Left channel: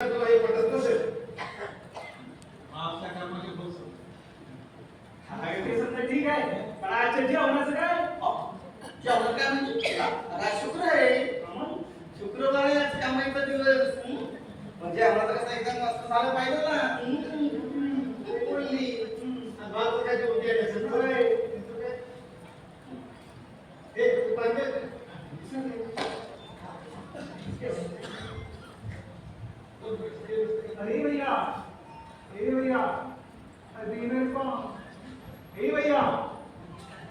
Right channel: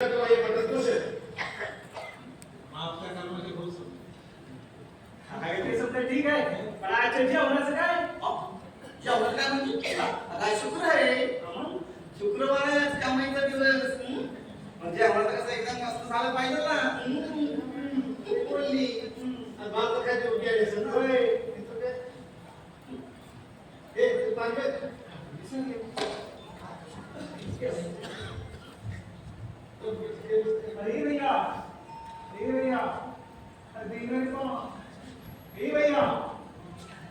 तुला हे पटत नसेल. आपल्या कर्माचे फळ ते समजा ठीक आहे, पण आजच्या जेवणाचं काय? जेवणात काय म्हणजे आज शुक्र आहे, शुक्रवार आहे, आज कामाईचा दिवस. म्हणजे आम्हाला कसं एकदम मस्त झालं पाहिजे ना. बोलली आणि भात काय जेवण केलं होय. हे पाहिजे अरे भैया, ए भैया, अरे दे मेरे को, ए भैया,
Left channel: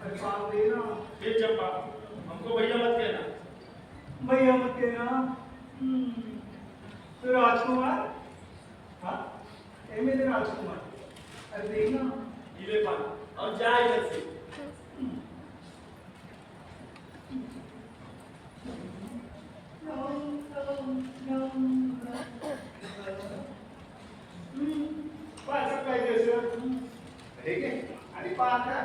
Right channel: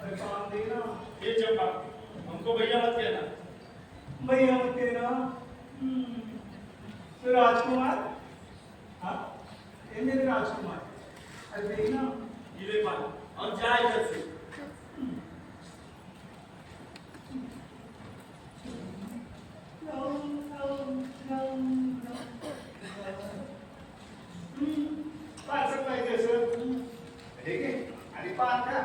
अरे पान देना. हे चंपा हमको भैया मत कहना. भैया मत कहना. तो राजकुमार, हाँ, ए मेरे राजकुमार, अरे देना. ये ले पान और जा इधर से. पाच पाहिजे असं हे घे आणि पाच का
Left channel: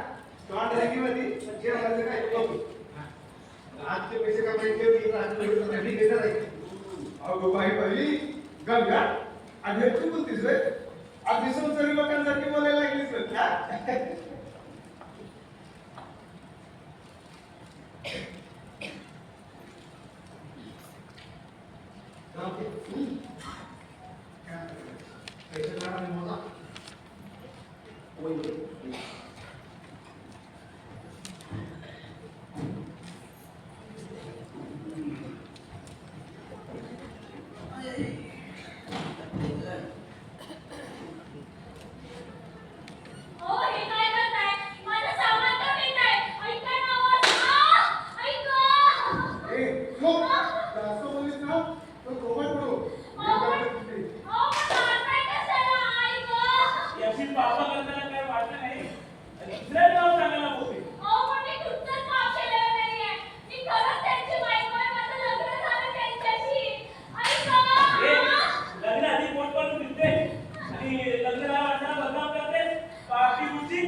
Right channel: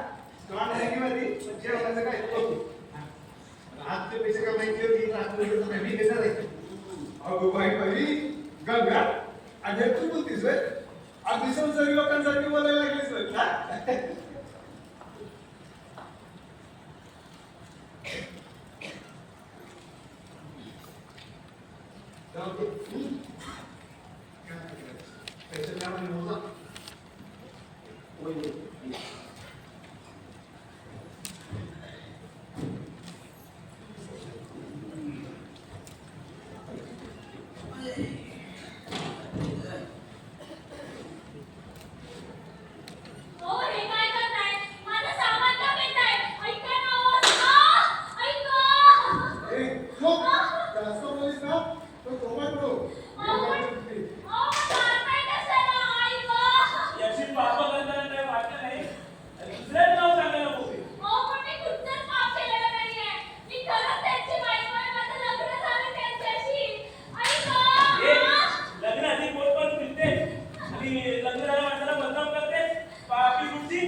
तोंड रॅकीमध्ये जेवणाचं काय बघू. आजचे पैसे काय माहिती की आज मी घेणार आहे. अगो बाई पहिली गंगा आणि तू बोलतीस रे. अगदी संसारी लोकांसाठी बोलायला लागलीस बघ ना. पैसे काढा आणि मोजा. जास्त बोलीस ना तर सोबत नको. याची पापा करताना काय वाटलं नाही आणि दुसऱ्या नाव सांगायला बोलते. लग्न आधी पोट पण फिरते आणि लग्न झाल्या माणसाला बदनाम करते. पापी गुच्ची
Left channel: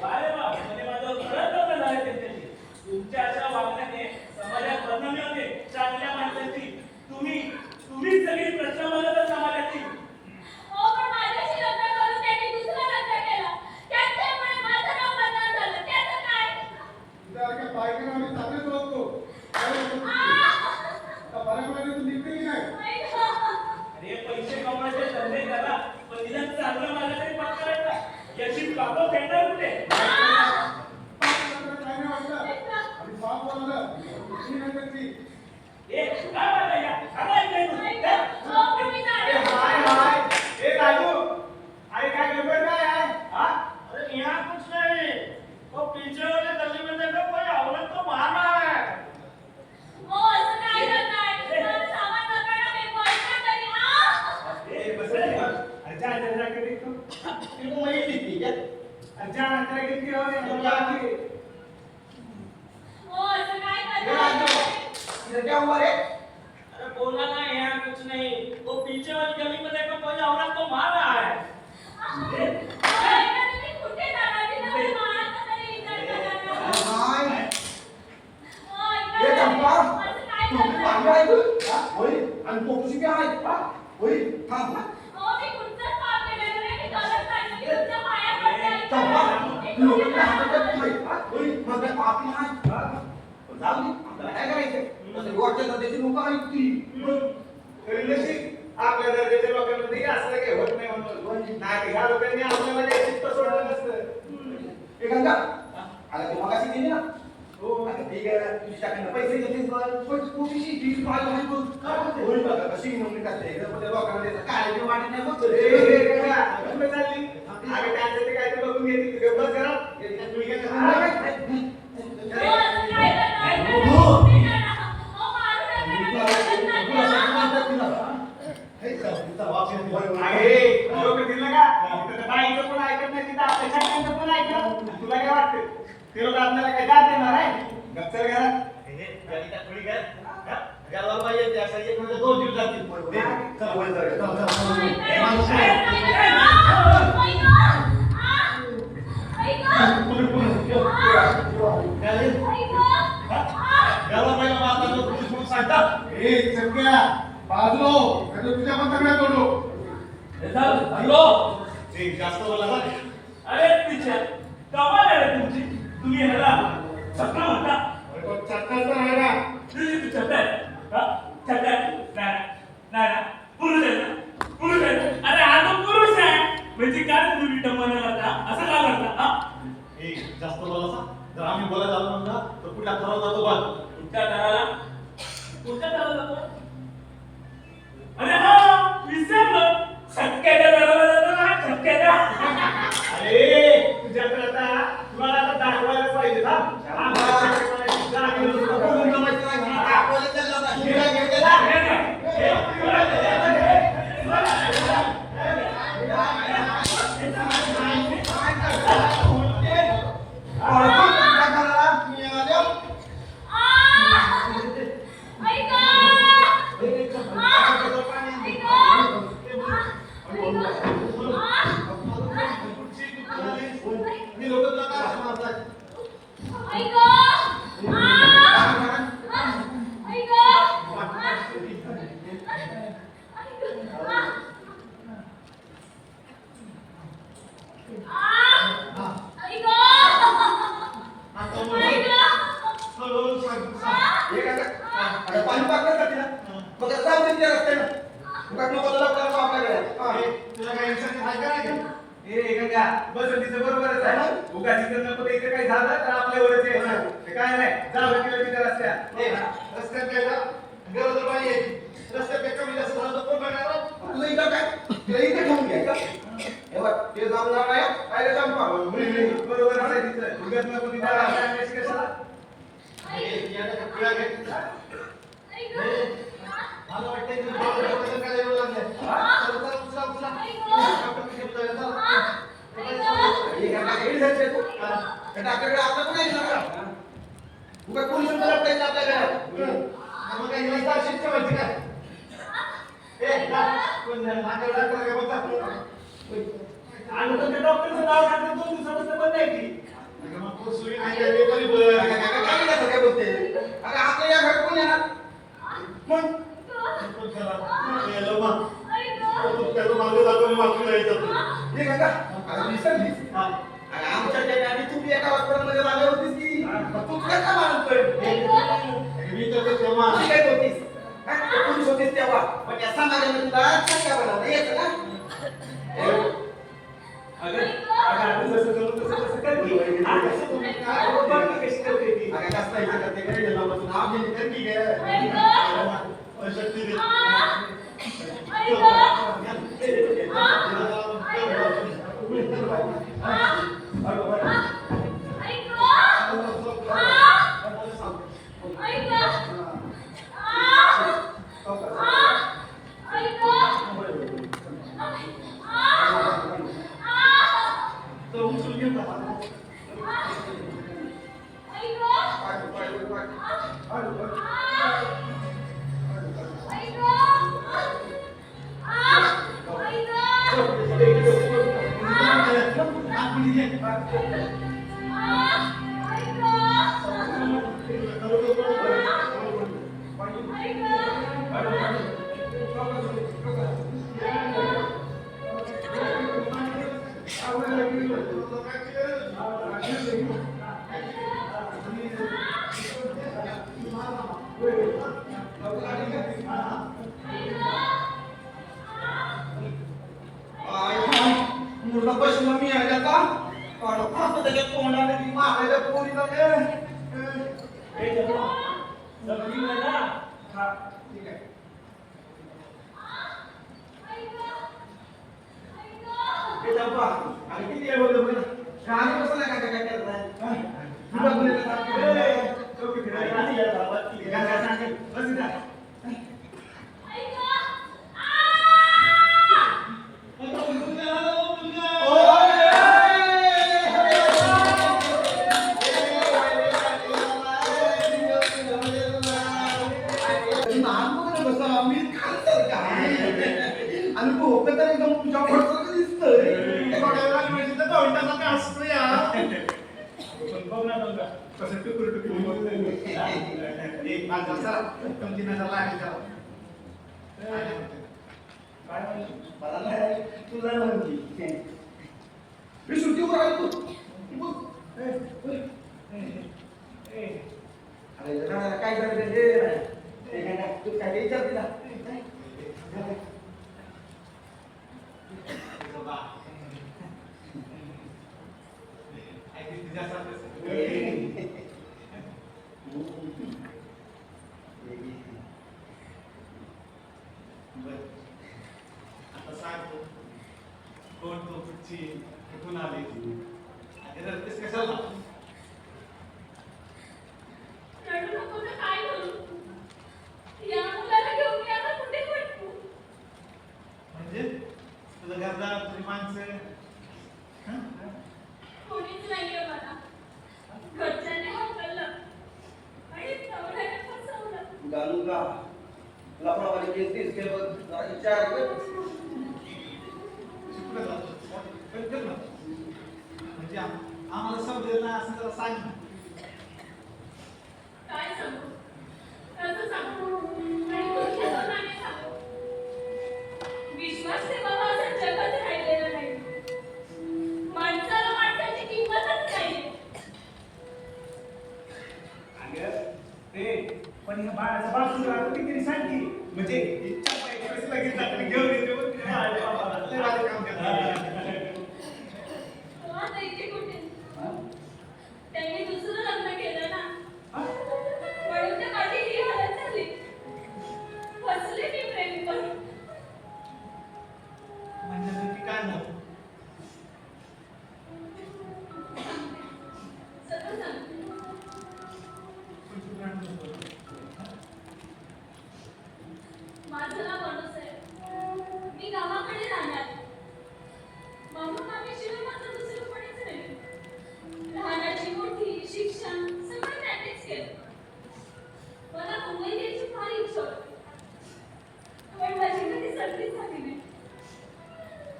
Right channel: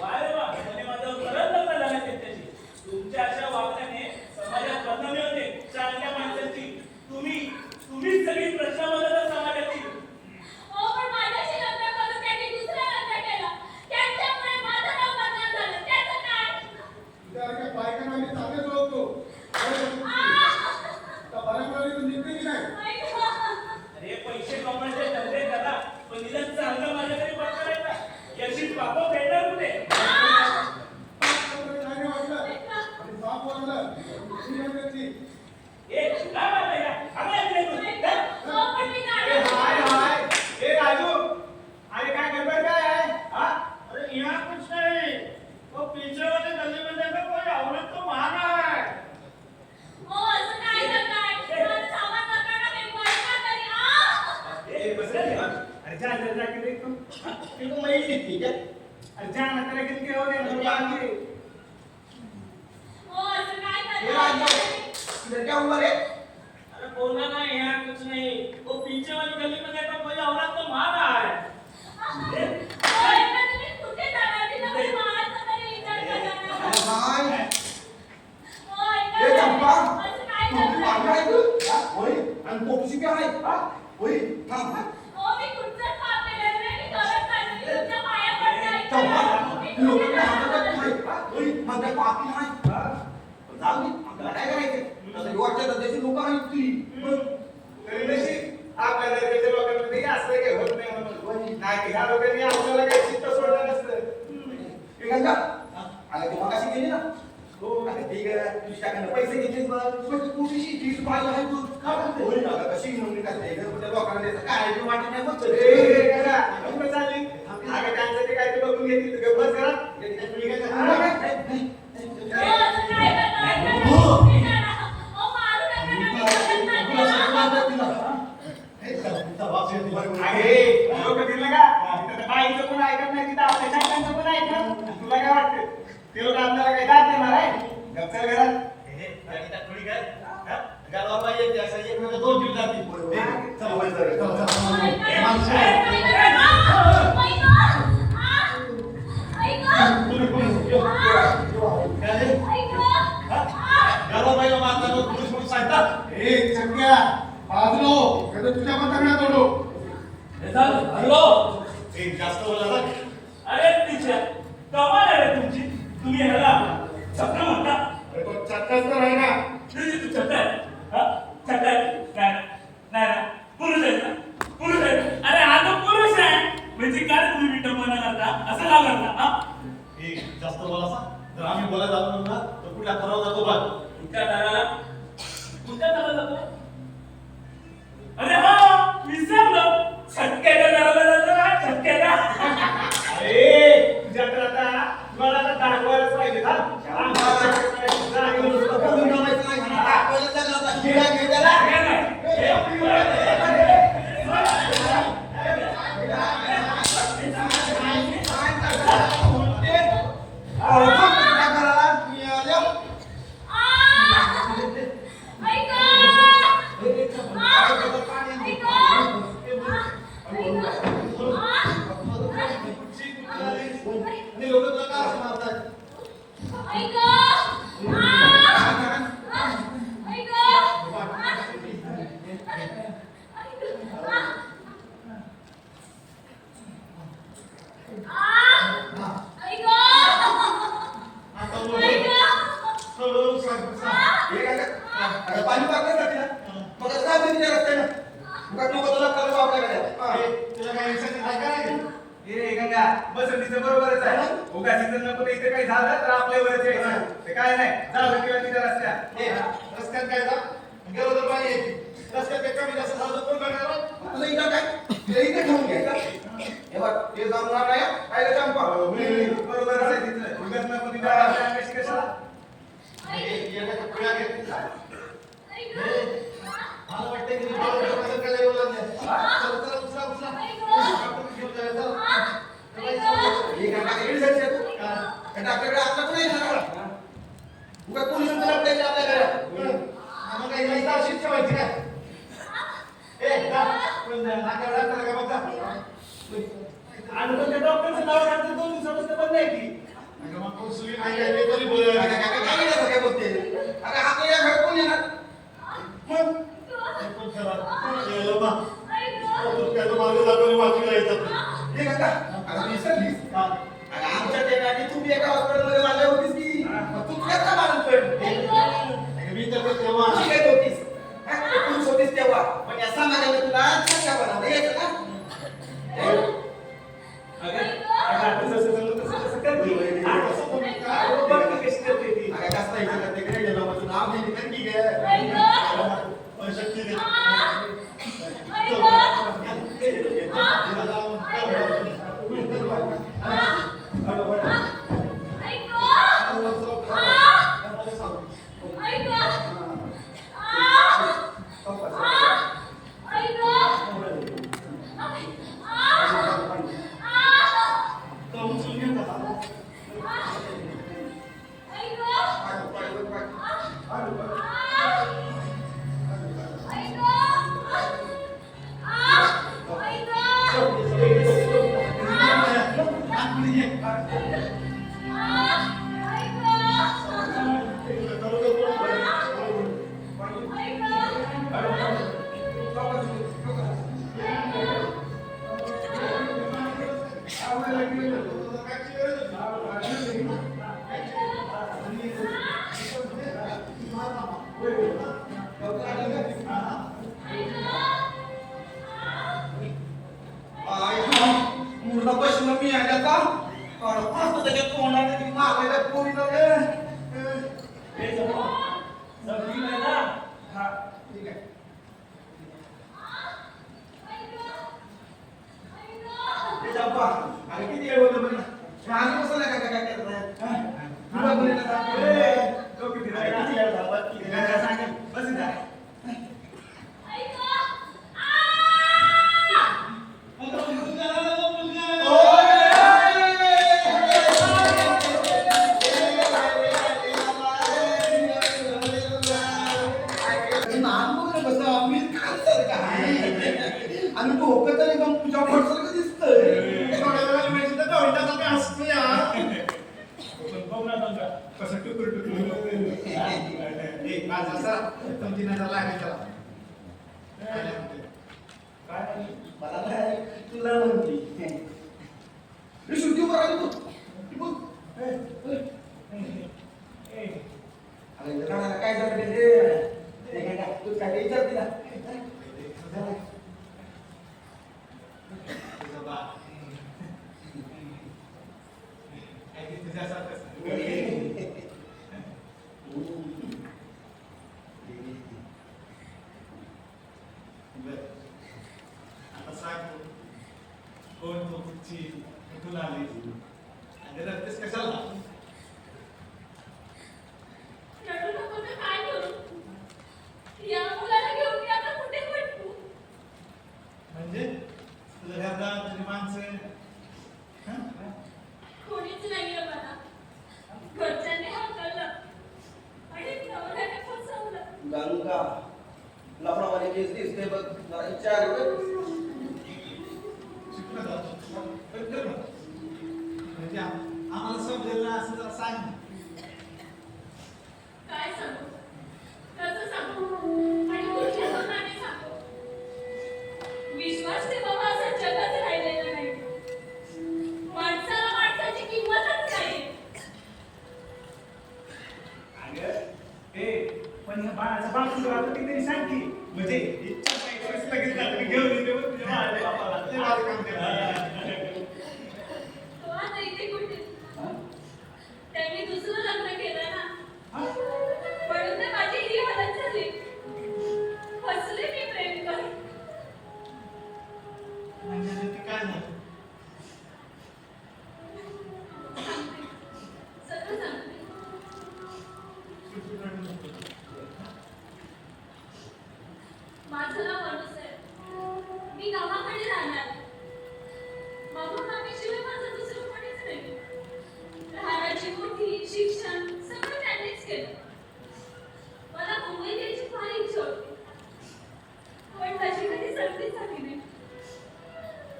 वारे वा म्हणजे माझं खरंच लग्न झालं त्यांच्याशी. तुमच्या अशा वागण्याने समाजात बदनामी होते चांगल्या माणसांची. तुम्हीच सगळी प्रश्न बनवता समाजाची. तुझ्यासारख्या बायकांना आम्ही चांगलेच ओळखतो. आता बऱ्यापैकी तू निघते की नाही? अरे पैसे कमवायचे धंदे करा, पण निदान चांगलं माझ्या तरी पत्करायचा. याची पापं फेडणार कुठे? काय नाही वाटलं आणि बाप बोललं श्रीनगरची. ए काय बात आहे या? अगं ऐकलंय तू? हाय हाय ए राजू, अरे काय गडबड काय आहे? हा अरे यहाँ कुछ नहीं, वो पीछे वाले गली में देखो कोई औरत तो वहां रहा है. ए बस रे. अरे जा जा जा के देख तुम. इनको मैं ही थी क्या? अरे जा ना तेरा किसके हो गए मतलब आगे. ये राजू, इधर क्या हुआ रे? अरे बोलना ना यहाँ कुछ नहीं, वो पीछे वाली गली में देखो कोई औरत तो वहां रहा है. अरे भाई, ये चंपा, तू पागल आहे तू? होय, आणि पोटशी काय आहे? हा? होय, थांब हा. चंपा, तू लोकांना हातात नाही. हा? होय, मग काय पापी नाही. हा? पण जाऊ दे, आपल्याला काय करायचंय? तसं वाटतं तर त्याची लोकं आहेत ती. तरी नशीब आपल्या दर्जाच्या लोकांमध्ये असं काही होत नाही म्हणून. नाही ह्या लोकांनी आपल्याला काही चित्त सोडलं नसतं. हे गंगा, आता ती मगाशी गेली ना? हो, आता ठीक आहे, तुझ्याकडनं पैसे घेतलेस बरं. पण तुझीशी तीच पाहिजे आहे तू. काय बोलते? होय ना, कशी नोंदणी करते? पण त्या लोकांना द्यायचं काय बी वाटत नाही बघ. ए गंगा, कुठं चालली? अगं त्यांचं ते काय ते बघून घेतली. गप्पच करा. तुम्ही काय करता? आहे लोक दिलं का तिथं बाईचं पण ऐकत नाही, तिथं आपल्या शक्यांचं पण ऐकत. तुला काय वाटतं ते लोक आपल्याला काय दाद देणार आहे? गप्चर घरात दोन दिवस जातील. चला वर जाऊया. चला, चला. ए चक्क्या बाजलो नाही तर तुझ्या पण तगड्यात तोडू. हे झालं, हॅलो. ए जास्त बोला ना. अरे तिच्या कमाल आहे रे तुमची. तुम्ही ह्याला चक्का म्हणता. अरे पण चक्काच तर आहे ना. तू चक्का आहे. हा चक्का आहे. नाही नाही नाही. पुरुष आहे ना. पुरुष आहे ना. अरे हा तो पुरुष आहे. म्हणजे काय तुम्ही विटंबना करता असं का करता. हा ए जास्त बोला सा. जर आम्ही बोलायला जातो ना तर कुठल्या ठराव जातो बघ. तुमच्या दाराला कोणत्या दाराला जातो. अरे हा विसरलो. छक्क्याच्या दाराला जातो ना. छक्क्याच्या. अरे तुझ्याकडे आता तुम्हाला आता दाखवायलाच पाहिजे ना. बोलून जमायचं नाही. दाखवायला लागला आता. हिरा घेऊ त्याला. पाणी टाकण्यासाठी ना मग जाऊ दे तिच्या रस्त्यानं उगाच नको तुला परत आपल्याकडे तुला काही इन्शुरन्स आहे का नाही? ए गंगा बस तिचं बरोबरच आहे उगा तिचं नको इथे काही झालं तर आपल्यावरच यायचं ते काय नाही जा तिला तिच्या रस्त्यात ए, रस्त्यात काय जा गरोदर बाई आहे ती. रस्त्यात एक कमी जास्त झालं तर कोण बघणार? तुला इथं काय तुला इथे ठेवून घ्यायचं हे बघ ते जमणार नाही काय रे चंपा बरोबरच आहे तिचं उगाच नको तिच्या रस्त्यात कशी कशाला ए, याला काय पिळा घेत नाही का? मला वाटतंय की बाबा कसं काय येऊ लागले. चला, चला, उचला, उचला. डॉक्टर घेऊन जाऊया, चला. हे काय काय जायचं तू डॉक्टरकडे आता पण नाही ना उगा कोणी म्हणतो आपल्याकडे आपल्याकडे मग काही नाही तर अशीच ठेवायची काय? ए, जा. पण नाकावर डॉक्टर काय बघा. आणि पण त्या डॉक्टरचं नाव घातलं 2 दिवसापासून बंद आहे की. अगं मग कुसली नाही काय ते तरी बोलूया. काय बोलते अरे आता या घर कोण येणार मग हे पण खरं. ए, लम्हा. तू काय तो मार्ग दाखवून वाचूला यायचा तू. हे काका अरे विसरलीस हा. अरे आमच्या ठिकाणी तू बी एका हॉस्पिटलमध्ये मारल्या होतीस की मग तू काय का मारतोय अगं मी तर ते तेव्हा शिकायत होतीस हा? तू पुरुष होतीस तेव्हा पण या समाजाने तुला छक्का बनवलं यायचं ना अगं आता जसं जमलं तसं कर की. आ, कसं तुम्ही काय? बघ की कशी करते ती. अरे कसं इथं करते काय गेला मग तू नाव घेते तर ठीक आहे पण शक्ती दे. मुलगा बसला मी आल्या का फक्त त्याच्या तोंडाने ती मागायला पोरीला हे जमलं. जमली नाही ना. हा ठीक आहे ते जाऊ पहा. अरे किती वेळ बोललो बघ ना आधी बसला काय काय करताय तुला बोलायला सांगितलं डोकी फिरायला किती वेळ झाला? काय सांगेल? बस इथं. आणि तो होतं तर एकदम तुझ्या फडसारखं दिसतंय थोड्या वेळाला मिळतं तर गोविंदाचा काय हसतो यार. पण बघ ना समजा कसं टुकूर टुकूर. ए माझा चला तुमची नजर लागेल चला काय म्हणली? मला नाही, तुला म्हणली. मी सुट्टी उभं राहिलो तू. ती बोल. बोल. अरे जरा काय झालं रे? हे काय तू काय विचार तिला? तुझं बा ऐक तुझ्यासारखंच बरं. आता सांग तू, कोण तू कुठची कुठून आली आणि रडतेस कशाला रडू नको तर काय करू? या मुलाला घेऊन मी आता कुठे भटकू? म्हणजे तुझं घरदार तुझी माणसं हं? कोणीच नाहीये मला. घरच्यांनी हाकललं आणि नवऱ्याने फसवलं. गंगा लफडावाली केस दिसते बघ, जरा विचार कर. शिकलं जातं. पण कर ना. म्हणजे आम्हाला समजेल ना असं जरा सांग ना. काय सांगू? कसं सांगू? आणि कुठल्या तोंडाने सांगू? विश्वास ठेवावा असं जगत राहिलेलं नाही. माणसाला माणसाची किंमतच नाहीये. अगं ते पण ह्या बाळाचा बाप सुद्धा आता किती सांग की म्हणजे इच्छा पाहिजे लगेच रात्री घेऊन येते मग तुझ्या बापाला. लय भारी काम करते. तो आता इथे कुठे? त्यांनी दुसरं लग्न केलं ना. म्हणून तर माझी ही हालत झाली. फसले मी प्रेम करून. म्हणजे नक्की काय झालं सांगते. सगळं सांगते. माझं नाव अनुस आहे. मी गावाकडे राहणार. मामा मामीशिवाय माझं दुसरं कोणीच नाही. लहानाची मोठी शिक्षण सगळं त्यांनीच केलं. मला मुंबईत यायची फार इच्छा होती. पण माझी कधी संधी झाली नाही.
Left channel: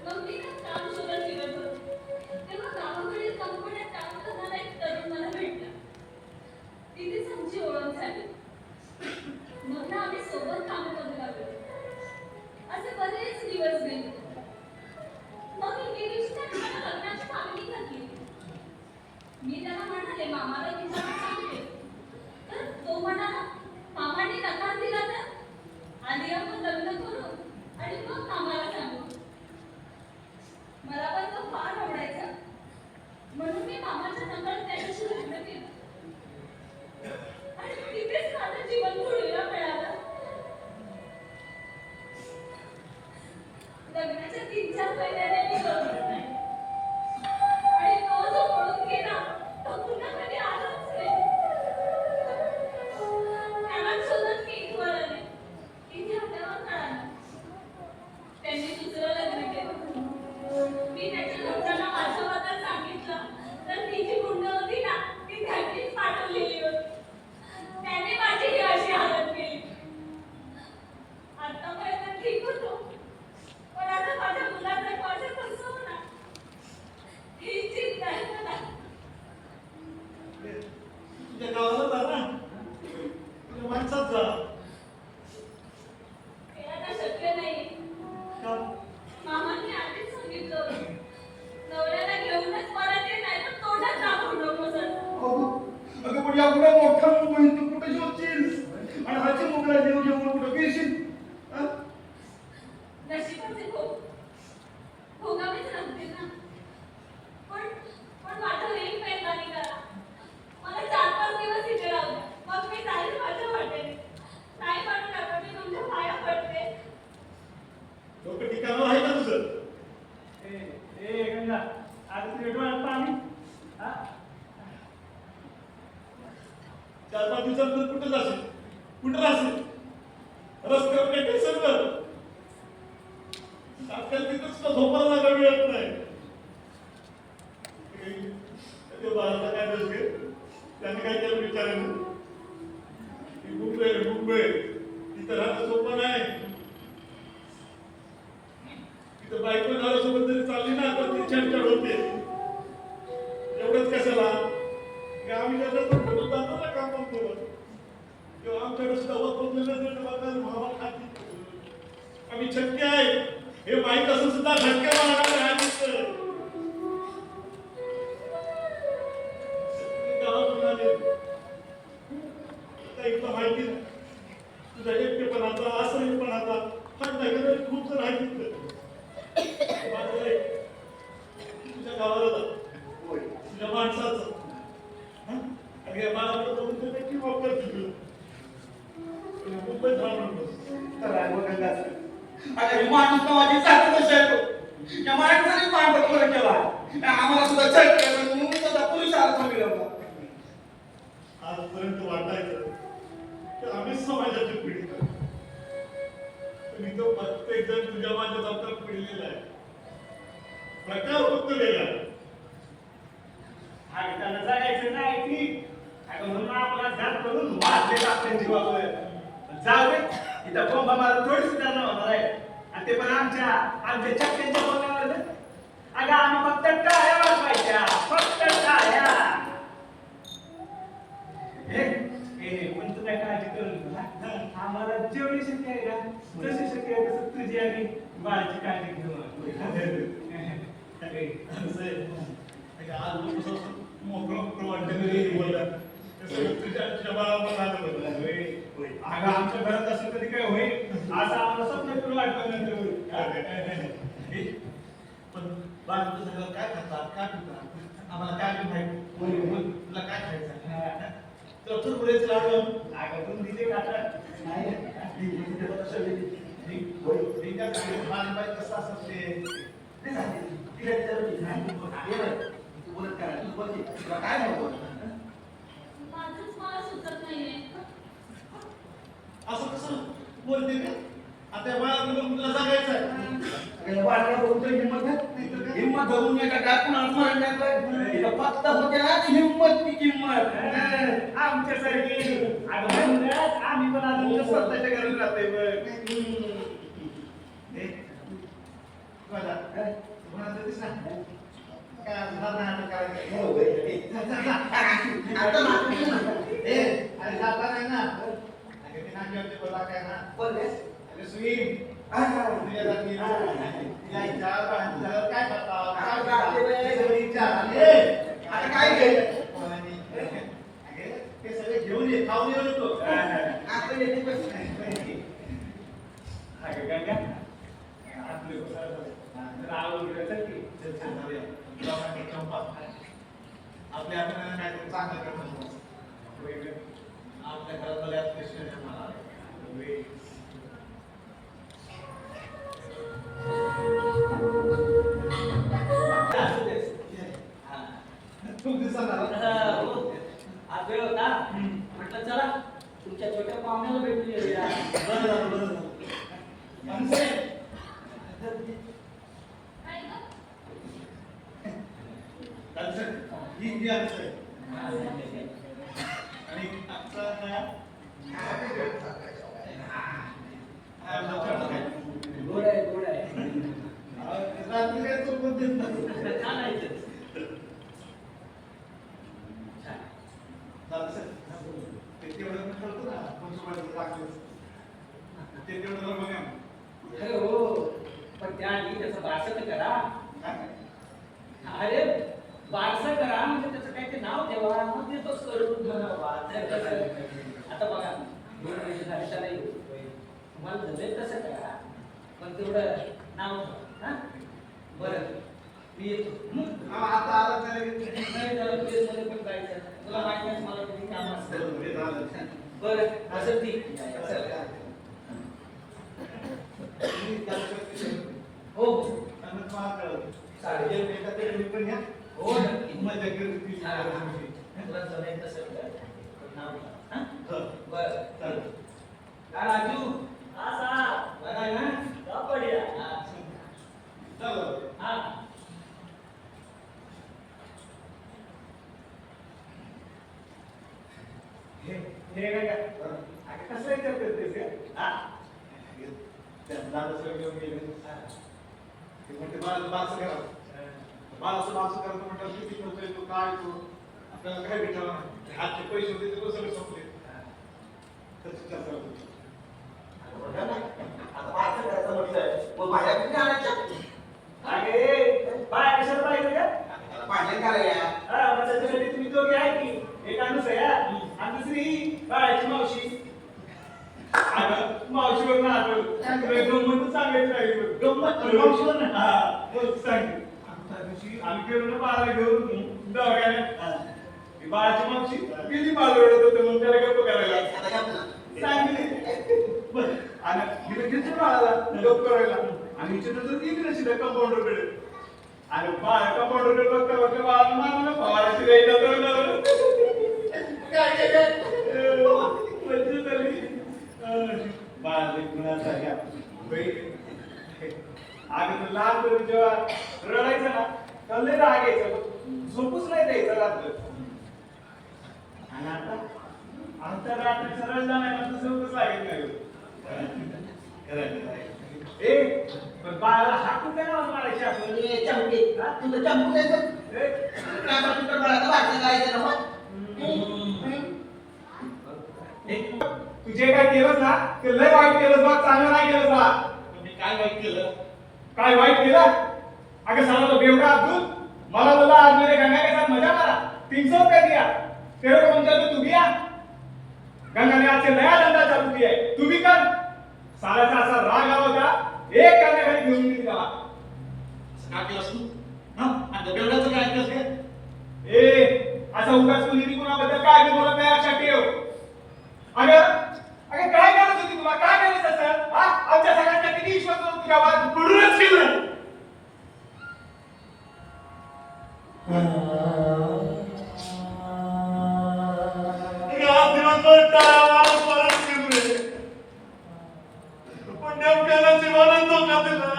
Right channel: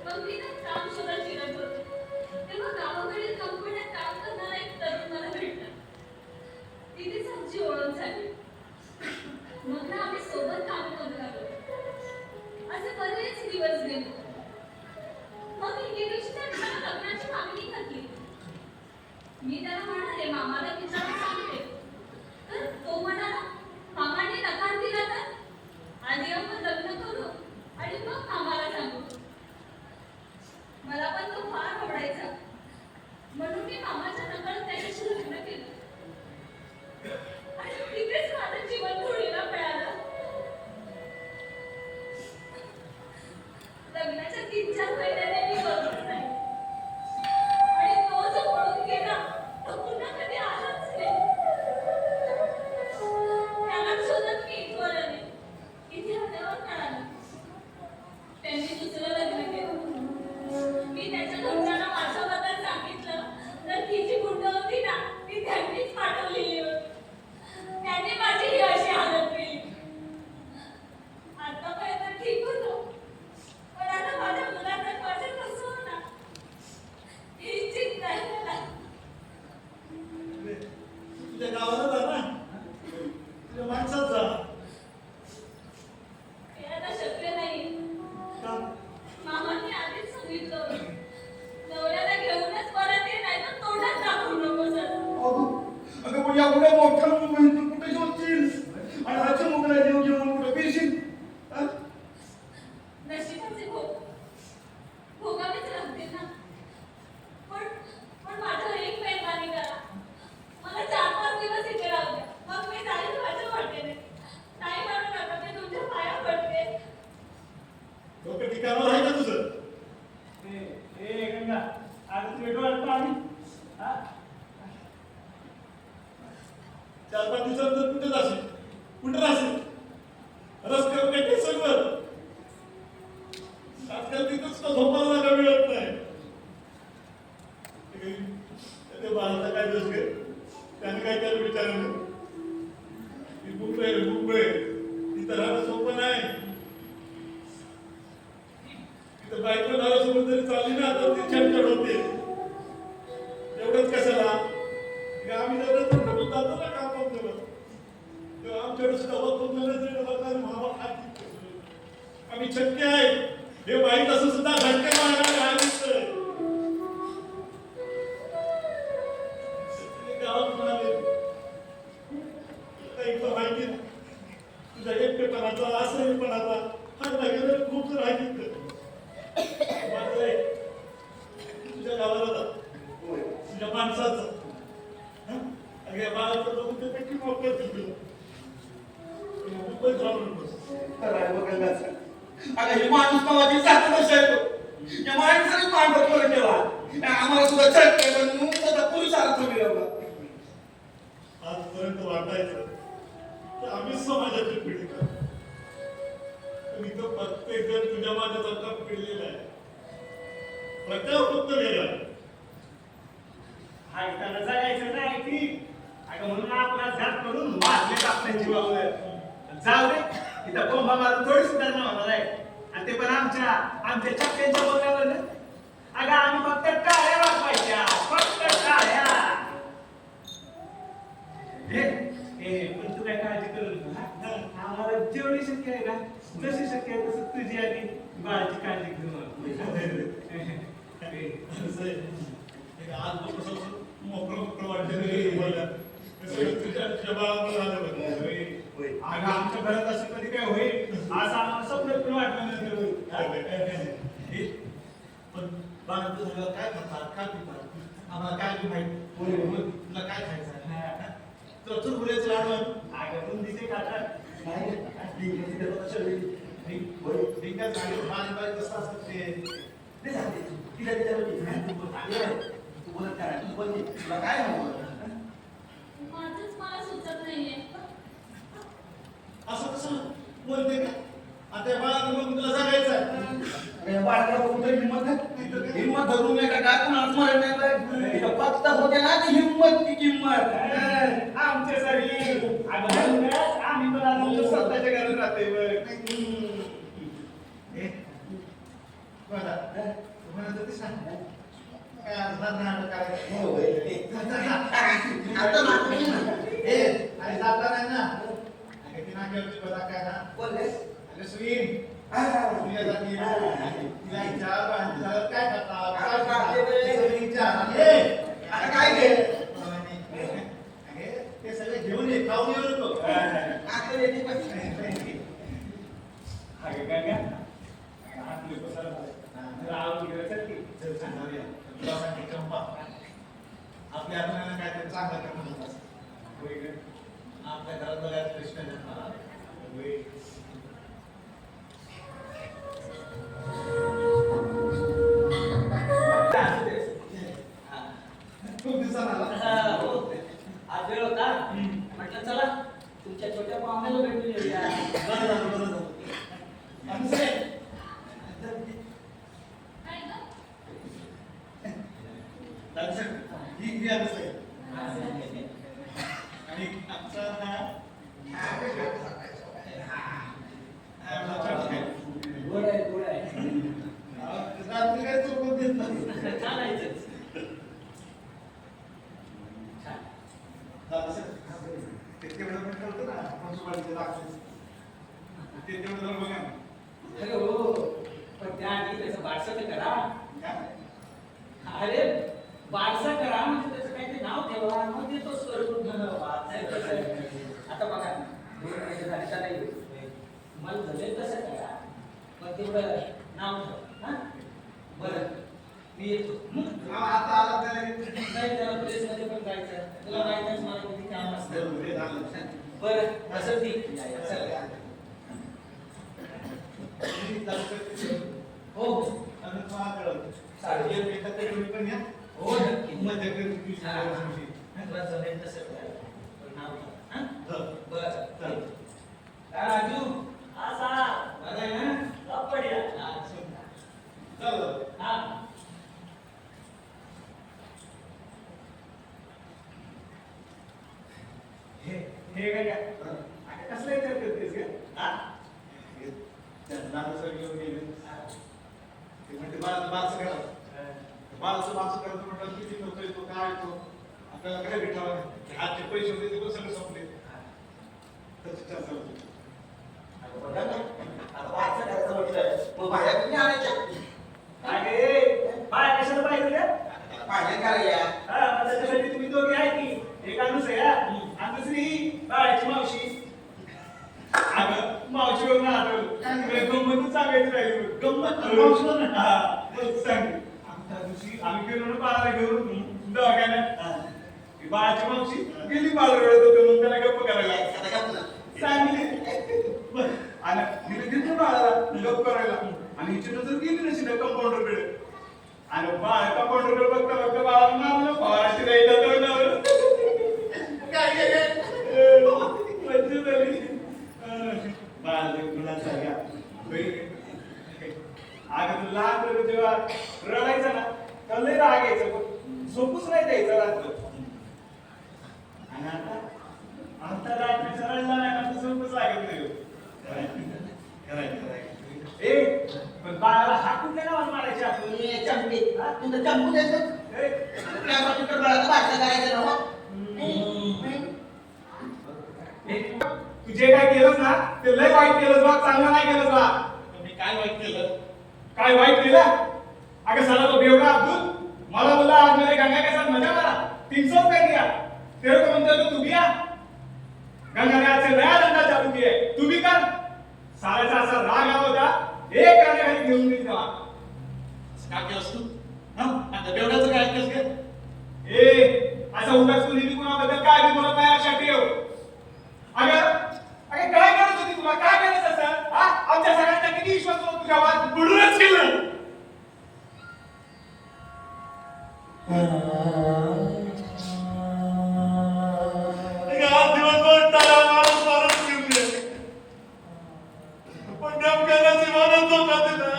मग मी ना काम शोधत फिरत होते. तेव्हा गावाकडील कंपन्यात काम करणारा एक तरुण मला भेटला. तिथेच आमची ओळख झाली. मग ना आम्ही सोबत काम करू लागलो. असे बरेच दिवस गेले. मग एके दिवशी त्याने मला लग्नाची मागणी घातली. मी त्याला म्हणाले मामाला विचारून सांगते. तर तो म्हणाला मामाने नकार दिला तर आधी आपण लग्न करू आणि मग मामाला सांगू. मला पण तो फार आवडायचा. म्हणून मी मामाच्या नकळत त्याच्याशी लग्न केलं. आणि तिथेच माझं जीवन धुळीला मिळालं. लग्नाच्या 3-4 महिन्याने मी बघत नाही. आणि तो जो पळून गेला तो पुन्हा कधी आलाच नाही. त्याला शोधत मी इथवर आले. इथे आल्यावर कळालं त्यांनी दुसरं लग्न केलं. मी त्याच्या घरच्यांना माझ्या बद्दल सांगितलं तर ती जी गुंड होती ना ती त्यांनीच पाठवलेली होती. त्याने माझी ही अशी हालत केली. आतापर्यंत ठीक होतो. पण आता माझ्या मुलाचं माझं कसं होणार ही चिंता आहे मला. तुझ्या गावाला जा ना. तुझ्या माणसात जा. हे आता शक्य नाही. का? मामांनी आधीच सांगितलं होतं. नवऱ्याला घेऊनच परत ये नाही तर तोंडात दाखवू नकोस. अगं पण एवढ्या मोठ्या मुंबईत तू कुठे शोधशील? आणि हाची मुगला घेऊन कुठं फिरशील? नशिबाचे भोगावेच लागतील ना. पण माझं एक मेहरबानी करा. मला 4-5 दिवस इथे राहू द्या. मग मी जाईल माझ्या वाटेने. नाही म्हणू नका. मी तुमच्या पाया पडते. डोकं ठिकाणावर आहे का तुझं? ए गंगा आता तुझ्या डोळ्यात पाणी. हा 4-5 दिवसानंतर कुठे जाशील? कुठे राहशील? रस्त्यावर काही स्टेशनवर? आजकाल तिथं सुद्धा झोपायला जागा मिळत नाही. त्या बाळाचा काय दोष घे? त्याने काय केलं विचारानं? ही मुंबई तिथं राहणं सोपं नाही. तिथं बायको नवऱ्यासोबत जरी चालली ना तर ती छान होते. एवढंच कशाला? आम्ही जर जातो ना काम करतो. तेव्हा आमच्याकडे सुद्धा वक्फ नजर बघणार बाबा खाती आम्ही शक्य आहे हे माहीत असून सुद्धा धक्के मारणार नाही सर. गावातून आले आता इथं माहिती ना तुझ्या एकटेपणाचा असह्यपणाचा फायदा घेणारे खूप जण आहेत तिथं. मात्र एक, तुझ्या गावाला जा. तुझ्या माणसाचं हं? आणि या बाळाचं बघून ते नक्की मोकळं दिलं. मुंबईत राहू नकोस. अगं माणूस नावाची सात वर्ष आहे तो. या माणसाने माणसात फरक केला. आम्हाला सुद्धा चट म्हणून स्वतः पुरुषार्थ मिळवला. आजपर्यंत वाटायचं की आम्ही समाजाचे पीडित आहोत. पण इथं प्रत्येक जण तुझ्या माझ्यासारखा पिडलेला आहे. प्रकार फक्त वेगळा आहे. हा इथं जगायचं नाही ती अगं म्हणून आपला घात करून मारले आपल्या जीवावर. जाऊ दे इथं कोंबा मारून थोडी सुधारणा होणार आहे. आणि ते पण आमच्या चक्क्यांच्या बोलण्यावर ना. अगं आम्ही फक्त टाळ्या वाजवायच्या, फक्त टाळ्या. हे पण तू काय काळजी करू नको. आम्हाला जेवढी शक्य आहे का जशी शक्य आहे तसं तुझी आणि बाळाची काळजी घेऊ. आज मोकळं वाटतं बोलला तुझ्या बाळामुळे झालं बरं. अगं आमच्या घरात असं कधी काय होईल असं आम्हाला स्वप्न करून वाटलं पण बाळ तुझं काय खातात काय पितात आम्हाला काय बी माहिती तुला काय खायचं तुला चुरमुऱ्याचं लाडू अगं बुंदीचे खातात. कसं असतं ते काय नको माझंच मला सुचत नाहीये. असं कसं बोलते का आता बाळाकडे बघून तुला सांगायचं आहे. बाळाला बघून तरी हिंमत नाही. हिंमत धरून नाही का काय पण आत्मरण नाही पाहिजे. इथं फक्त होते ना ती हिंमत ती किंमत. आमच्यासारखी अगं म्हणूनच आम्ही पण आज आमच्या स्वतःच्या घरात राहतोय बघ. आता नाटक बोललेस आता काय घे ते सगळे घेऊन ये खाऊन येऊ नको. आता येते पण अगं गंगा आपले पसार झाले तर आवड उडलं चल की. तुला सांगते चंपा आपल्या आपण काहीतरी चांगलं करणं आपल्या घरात बघा कृष्ण जन्माला खूप दिवसांना आज वेळ होता म्हटलं चला तुमच्या छोट्या पाहुण्याला भेटून येऊया. काय गं? ही आहे आणि आमचा गोड आहे गोड आहे. रात्री काय चुकून देत नाही. चालायचं. ते तेवढं मी ठेवतो ना पंचवाडीचं राक्षस ते तेवढं जरा बघा ना. अरे हो पण त्याआधी त्याचं बारसं तर करा. अरे बारसं करा म्हणजे त्याचं काही ते नाव ठेवा मग देतोच करून म्हणावा. आता बघा 2 वर्ष झाले त्याला तुम्हाला जमेल तसं करा पण तेवढं नाव ठेवा. हा बरं मी येतो. आता आला तर नाही जरा प्रेसमध्ये पण जायचं. तुला माहिती आहे मला किती काम असतं. हे झालं. बरं असं ठीक चल. तुम्ही जाऊ शकते. हो हो आणि तुम्हाला कळलं. साडे भेटत तर तुम्ही पण या. हो नक्की. मजा करते. तुला जमेल तसं कर पण नाव ठेवा. हा हो. बरं चालेल. काय राजू हा साहेब. बरं आहे ना सब बढ़िया. हा चला. हा हे काय अगं कसं विचार करतेस का? त्यांना दुसरं घेऊन गेले. ते म्हणते बाळाचं करा. बाळाचं करायचं म्हटलं किती खर्च येतो काय येतो आपल्याला काय भेटावं हातचे पैसे होते ते पण सगळे संपले. अगे बाय कशाला पाहिजे रे? मग त्याच्यासाठी तुम्ही दोघे आहे की एक अनुस आहे आणि दुसरी ही बाळाची मावशी. अगं मावशी बघ ना गंमत सांगायचं राहील गंमत मावशीला ना मग सांग त्या दिवशी आम्ही गेलो ना बाळाला घेऊन दवाखान्यात. ती बाळाची मावशी गेली बाळ रडत होतं म्हणून त्याला गप्प करायला सांगितले आणि तिला घेतलं बाळाला गप्प करायला आणि हिची नजर गेली ना सीधा कंपाऊंडरकडे आणि बाळ कंपाऊंडरकडे बघता बघता बाळाला मारलं बाळाची रेला तोंडावर काय केलं मज्जा झाली. बाळ गुणाचा घ्या अगं तू लहानपणी जेव्हा रडायचं ना तर लय राग यायचं झोपूच नाही द्यायचं रात्र आणि आता रात्रीचा रडला नाही ना तर झोपच लागत नाही. ए पण बाळाला हात कुठल्या नावात मारायचे आपण तू जे काय केलंस ना ते लय वाईट केलंस बा चांगलं नाही केलंस बा. मी काय वाईट केलं? काय वाईट केलं? अगर साला तो बेवड़ा अब्दुल मला बोला आज मेरे गंगा के साथ मजा मारा 300 रुपए दिया तेरे को मंदिर में तू दिया गंगा ने आज से नया धंधा चालू किया है तू भी कर. सालाचा असा राग आला होता एक काने खाली घेऊन गेली त्याला. का केलंस तू? आणि बेवड्याचं काय ऐकलंस का? ए असा उगाच तू नेहमी कुणाबद्दल काय बी बोलत नाही लक्षात ठेव. अगं काय करत होती तुला काय करायचं असं आमच्या सगळ्यांचा किती विश्वास होता तुझ्यावर म्हणूनच केलं. आज दिवसभर टाळा मारत मारत फिरले पण नेमक्या नशिबानं धोका दिला.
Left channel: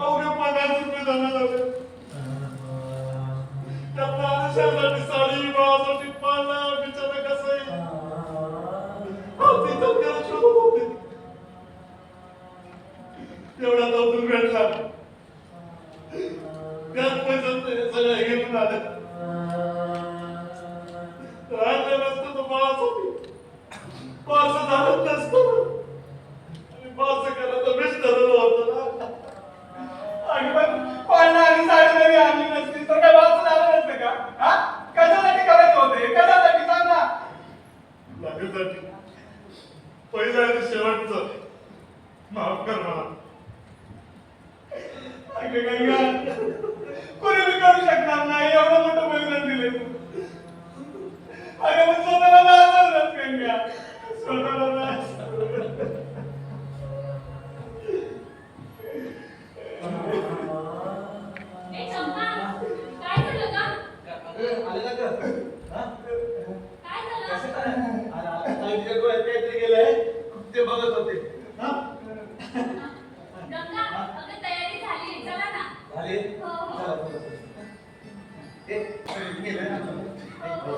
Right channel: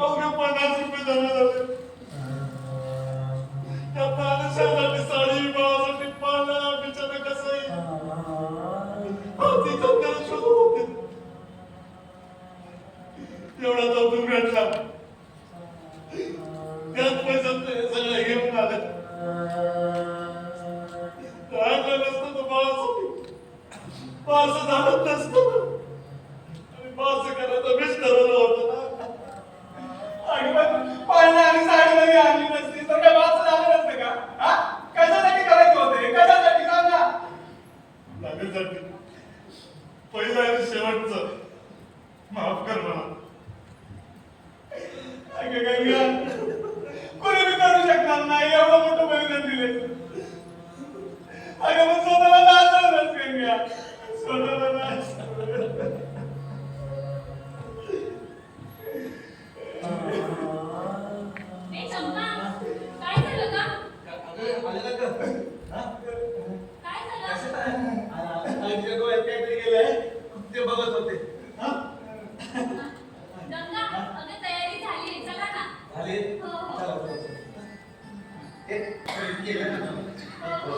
अवघे 50 रुपये जमा झाले त्यातनं अनुषासाठी साडी बाळासाठी पाळणा बिचारा कसंही तिथं त्याला शोधत होते. एवढा तो भेटला त्याच पैशात हे सगळं घेऊन आलं. आणलं नसतं तर बाळासाठी पास झालं नसतं आणि पास करायचं बेस्ट ठरवलं होतं ना. आणि पण पाळणा आणि साडी जरी आणली नसती तर काय बाळाचं झालं नसतं का? कशासाठी करायचं होतं हे? कशासाठी सांग ना. लागण्यासाठी पहिलं आणि शेवटचं माफ कर मला. अगं गंगा कोणी बी करू शकणार नाही एवढं मोठं बलिदान दिले. अगं पण स्वतःला नाचवलंस गंगा स्वतःला नाचवलं. ए चंपा काय झालं का? काय झालं? ते बघत होते. गंगा अगं तयारी झाली चला ना. हो हो. हो, हो.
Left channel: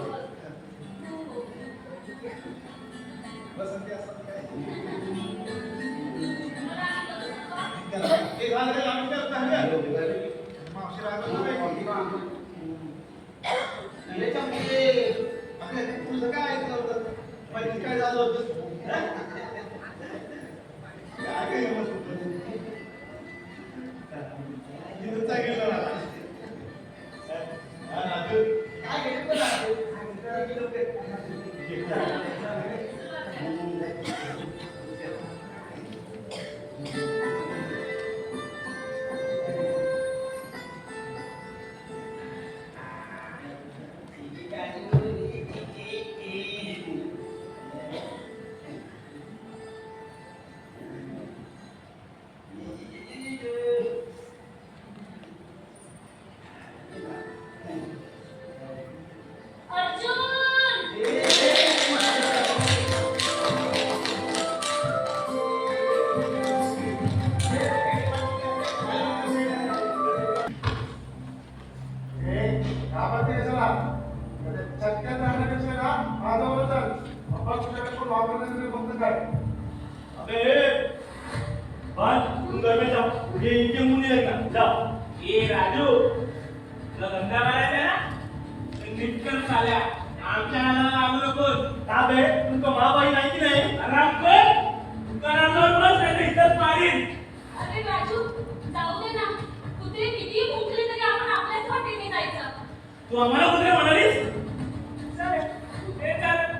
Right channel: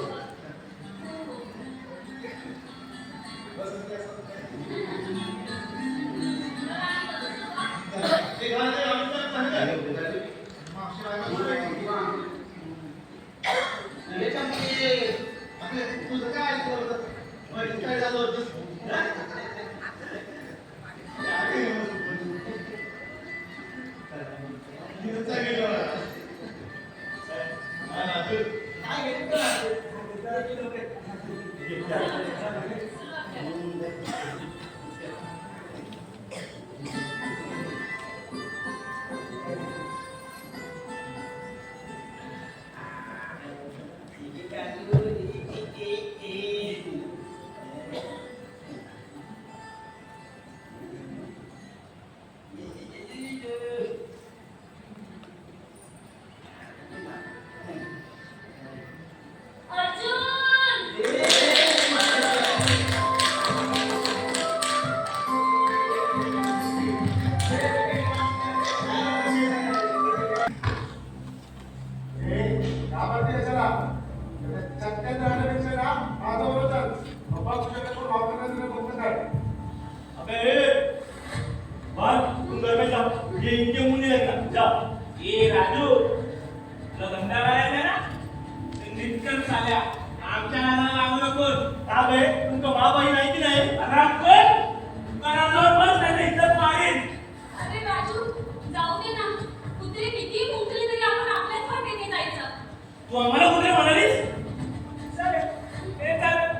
ए राजू तुला धंदा करायचा ना नीटकन चाल्या आमच्या नादाला लागू नकोस. आहे तुमचं महाबाई नाही की नाही घरावर बस नाही तर इज्जत मारीन. अरे राजू जाऊ दे ना. कुत्री किती भुंकली तरी आपण आपल्याच वाटेने जायचं. तू आम्हाला कुत्रे म्हणालीस? चालेल. हे चालेल.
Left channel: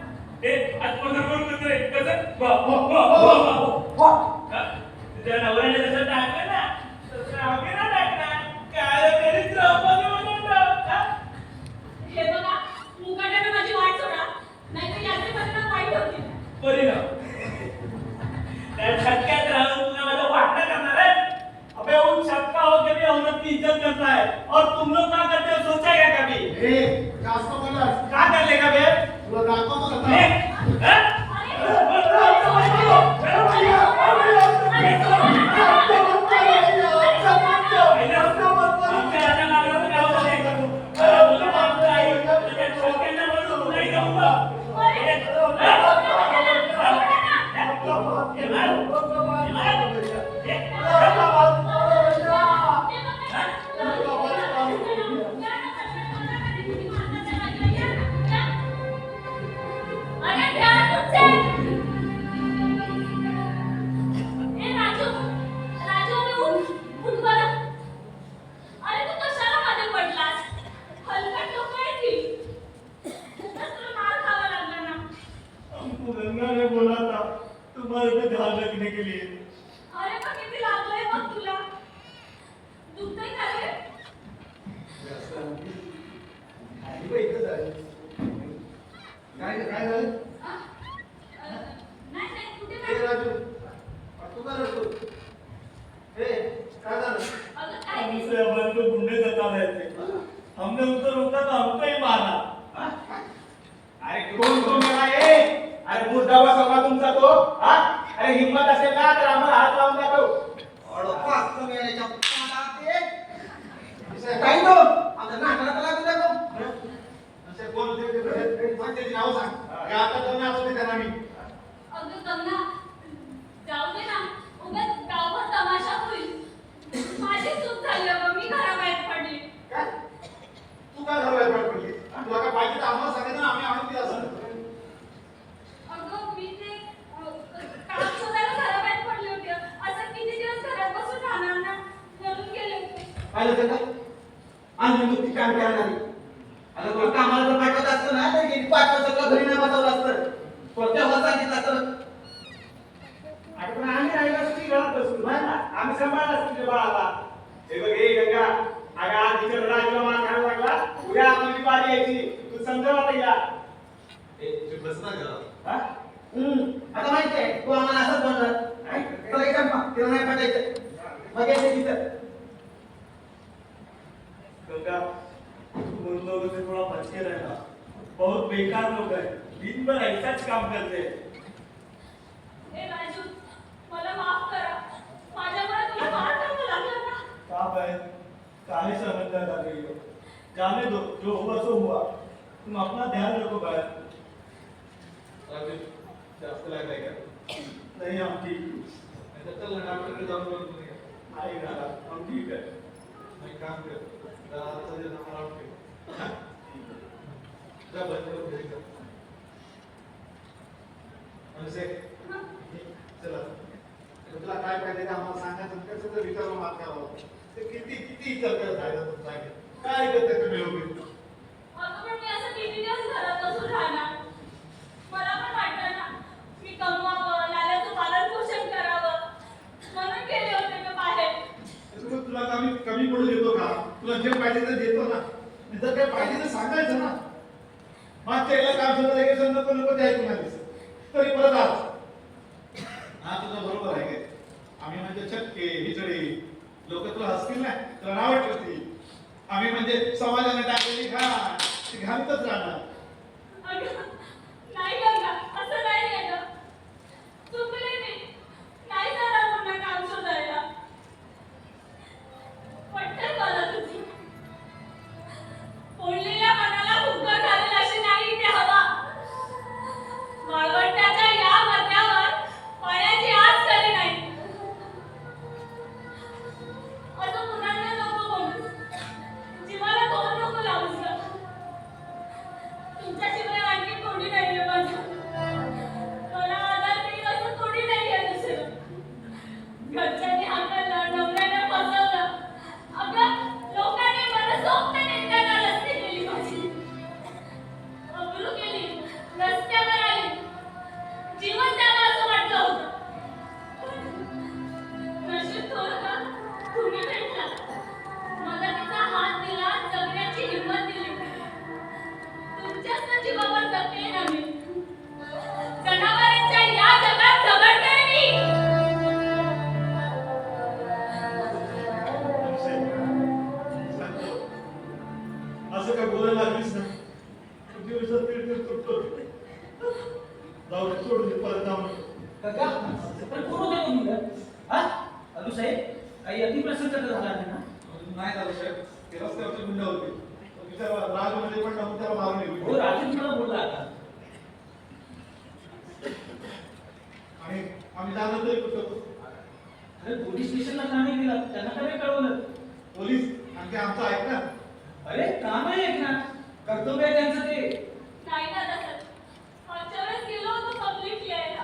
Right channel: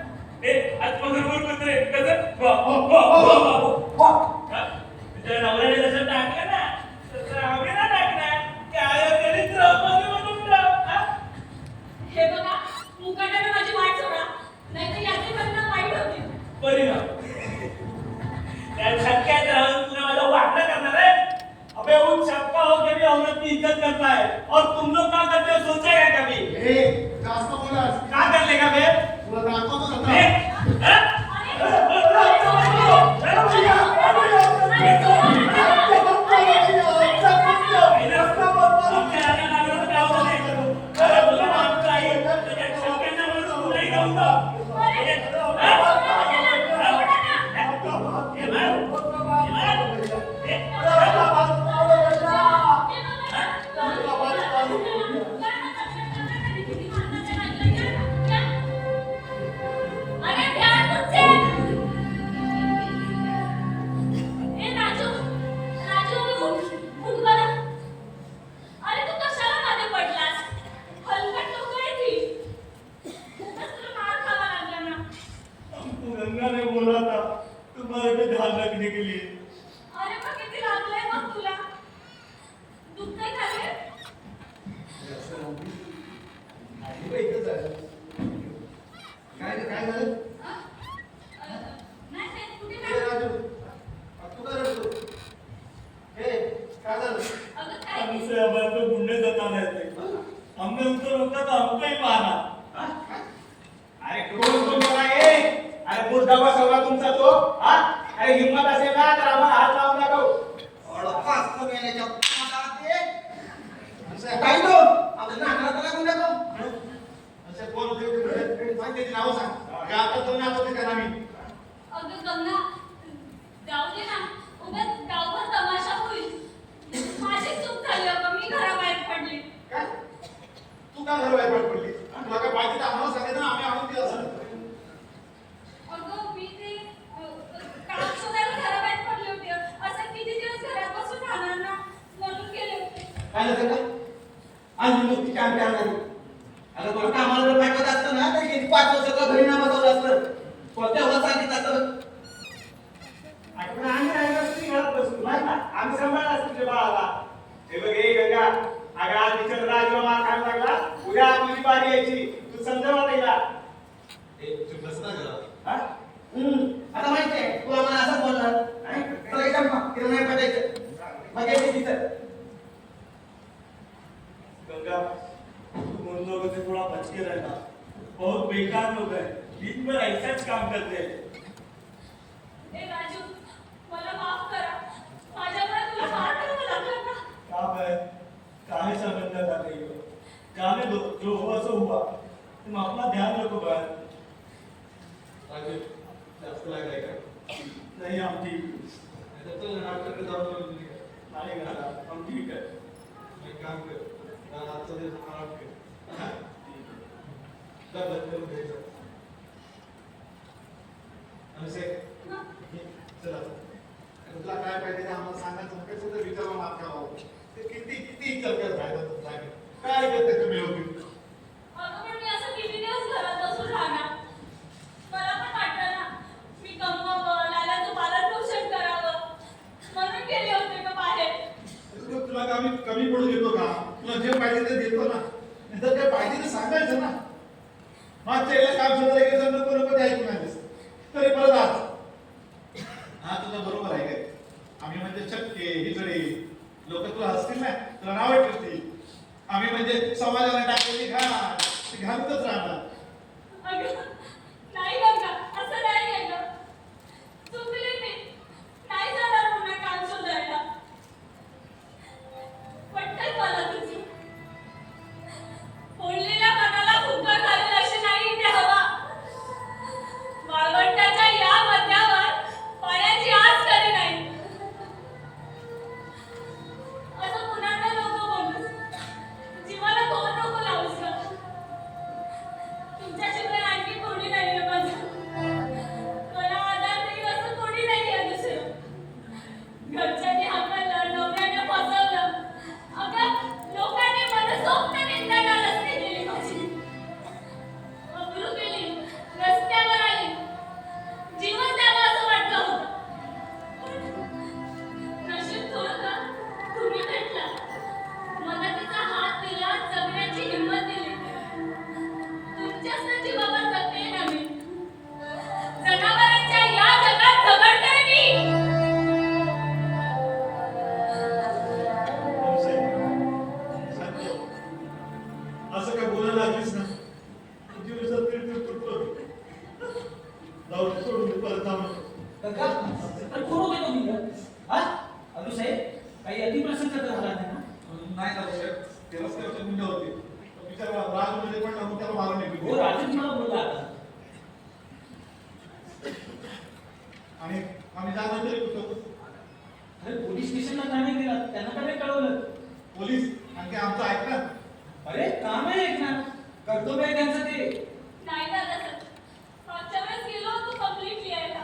हे आत्मगर्भूर कुत्रे कसं वा वा वा वा वा वा. हा? तुझ्या नवऱ्याने जसं टाकलं ना तसं आम्ही ना टाकणार. काय दरिद्र मध्ये म्हणून टाक. हा? हे बघा मुकाट्याने माझी वाट सोडा. नाहीतर याचे परिणाम वाईट होतील. परिणाम त्या छक्क्यात राहून तुला मला वाटलं करणार है? अबे उन छक्का हो के भी औरत की इज्जत करता है और तुम लोग क्या करते हो सोचा है कभी? ए, जास्त बोलास. क्या कर लेगा बे? तुला दाखवतो ए, आता. हा? आमच्या राजा लागलं तर काय होतं ते? तुला मागचं आहे, तुझ्या डोक्याला वरून नाही जाऊन जा. हा? हे मार. हे मार. हे. अरे ध्यान तुझे. ए राजू राजू अरे उठ बरं. अरे तू कशाला मध्ये पडलास? हलकट लोक आहे ती. खूपच तुला मार खावा लागला ना. हमको गंगा ने बोला था तुम्हारे पे ध्यान रखने के लिए. अरे पण किती लागलंय बघ तुला. दुखतंय का रे? आधी बाई इथंच आहे. काय झालं? नाही नाही कुठे ए, नाही. राजू. तू काय रडतो? ए, काय झालं? अगं काय हमसे अमर को गुंडे जता रहे थे. हमने उनको रोका तो हमको ही मारा. अरे कोण मेला ए? अरे मुर्दाबाद सगळा तुमचा तो हा? अरे हिम्मत असेल ना तर आम्हाला हात लावून दाखव. असं आहे. काही तो आमच्या नाकाला लागून द्या तो. असं कोण होते? सांग त्याची नावं सांग. हे आता तर नाचवते त्यांना मी. अगं गंगा जाऊ दे ना. उगाच गावभर तमाशा होईल. माझी चूक झाली अगं. मी घराबाहेर पडली. काय? तू काय घराबाहेर पडली? तुला काय पाहिजे तर आम्हाला सांगायचं ना, आम्ही आणून दिलं असतं. अगं मी ते काम शोधायला घराबाहेर पडले होते. असं किती दिवस घरात बसून राहणार ना म्हणून गेले होते. पाहिलं ते का? आणि मुक्ती काम करणारी. आता तुला कामाला जर पाठवत असतं ना तर गेली 5 वर्ष तुला घरी नाही बसवलं असतं. तुला तेव्हा सांगितलं असतं. अरे पण आम्ही राहिलो असतो की घरात बसलो नाही ना. आम्ही सांभाळलं असतो तुझ्या बाळाला. हे बघ हे गंगा अगं आज टीचर राजूला मार खायला लागला. उद्या तुझी बारी यायची. तू समजावा पहिला. चुप बस ना जरा. हा? आता माहिती आहे तू आम्हाला असंच बोलणार. नाही? चला एक काम कर. तिला नाही पाठायचं. मग यायचं तिथं. गंगा तुम उन लोगों से थोड़ा बच के रहना. बहुत बेकार लोग हैं. दिन भर ऐसाच काम करते हैं. ए राजू मला माफ करा. माझ्यामुळे तुला मार खावा लागला ना. काम है काहे समझना कर रही हो. जाने दो जो हुआ सो हुआ. तुम अपना ध्यान रखो बहन. राजू, जास्त लागलाय का? नहीं हम ठीक. नाही तर चल ना, डॉक्टरकडे जाऊन बघू तुझी. नहीं गंगा हम ठीक है. नाही, काम कर. जरा आजचा दिवस आराम कर. हा? जा बंद करून घरी जा. अनुसे, हं? चला. आता तुला काय पाहिजे ते आम्हाला सांगायचं ना. कसं तर विचारून माफ करावं. ते किती करत राहिलं तुमचं. काय करते तुम्ही लोक? अगं पण मी असं किती दिवस घरात बसून राहणार. मला पण वाटतं ना मी कमवावं, लालाचं पालन पोषण करावं म्हणून गेले होते का बाहेर. तुला कमी पडू देतो का? तुला जे पाहिजे ते देतो ना. जर काय पाहिजे तर सांगायचं ना. मागच्या याला काम सुरू आहे की समजा तो नको ते ऐकून आलीस तरी परत आज. हा तुझं बरोबर आहे काय? आम्ही म्हणजे चक्के हिजडे लोक तुला हसतील ना, तुला नाव ठेवतील. आम्ही म्हणजे समाजाने टाकलेली घाण ती घालतच राहणार. अगं नाही गंगा असं नाही आहे गं. चुकले मी. नाही जाणार पुन्हा काम शोधायला. पटतंय मला तुझी. फोडलेल्या मनाला फुगा घालेल अशी नाही इथे हवा. जाऊ दे, सोडून दे, परत जाऊ नको. का तर कोण होते तुम्ही हा अजू साहेब काही अतिप्रसंग झाला नाही ना नाही झालं साहेब, ते रस्त्यावरचे गुंड होते. बिचारा राजमध्ये पण नव्हतं, त्याला मारून हो नेलं. राजेश मला बोलला आता आणि आम्ही जाणार तरी कुठं? अरे पोलीस स्टेशनला का नाही गेला त्यांना का नाही कळवलं पोलीस आणि ते आमचं ऐकणार. अरे काम आहे ऐकणार कर्तव्य आहे त्यांचं ते नाही दादा सर मागच्या वेळेस गेलो होतो कंप्लीट लिहायला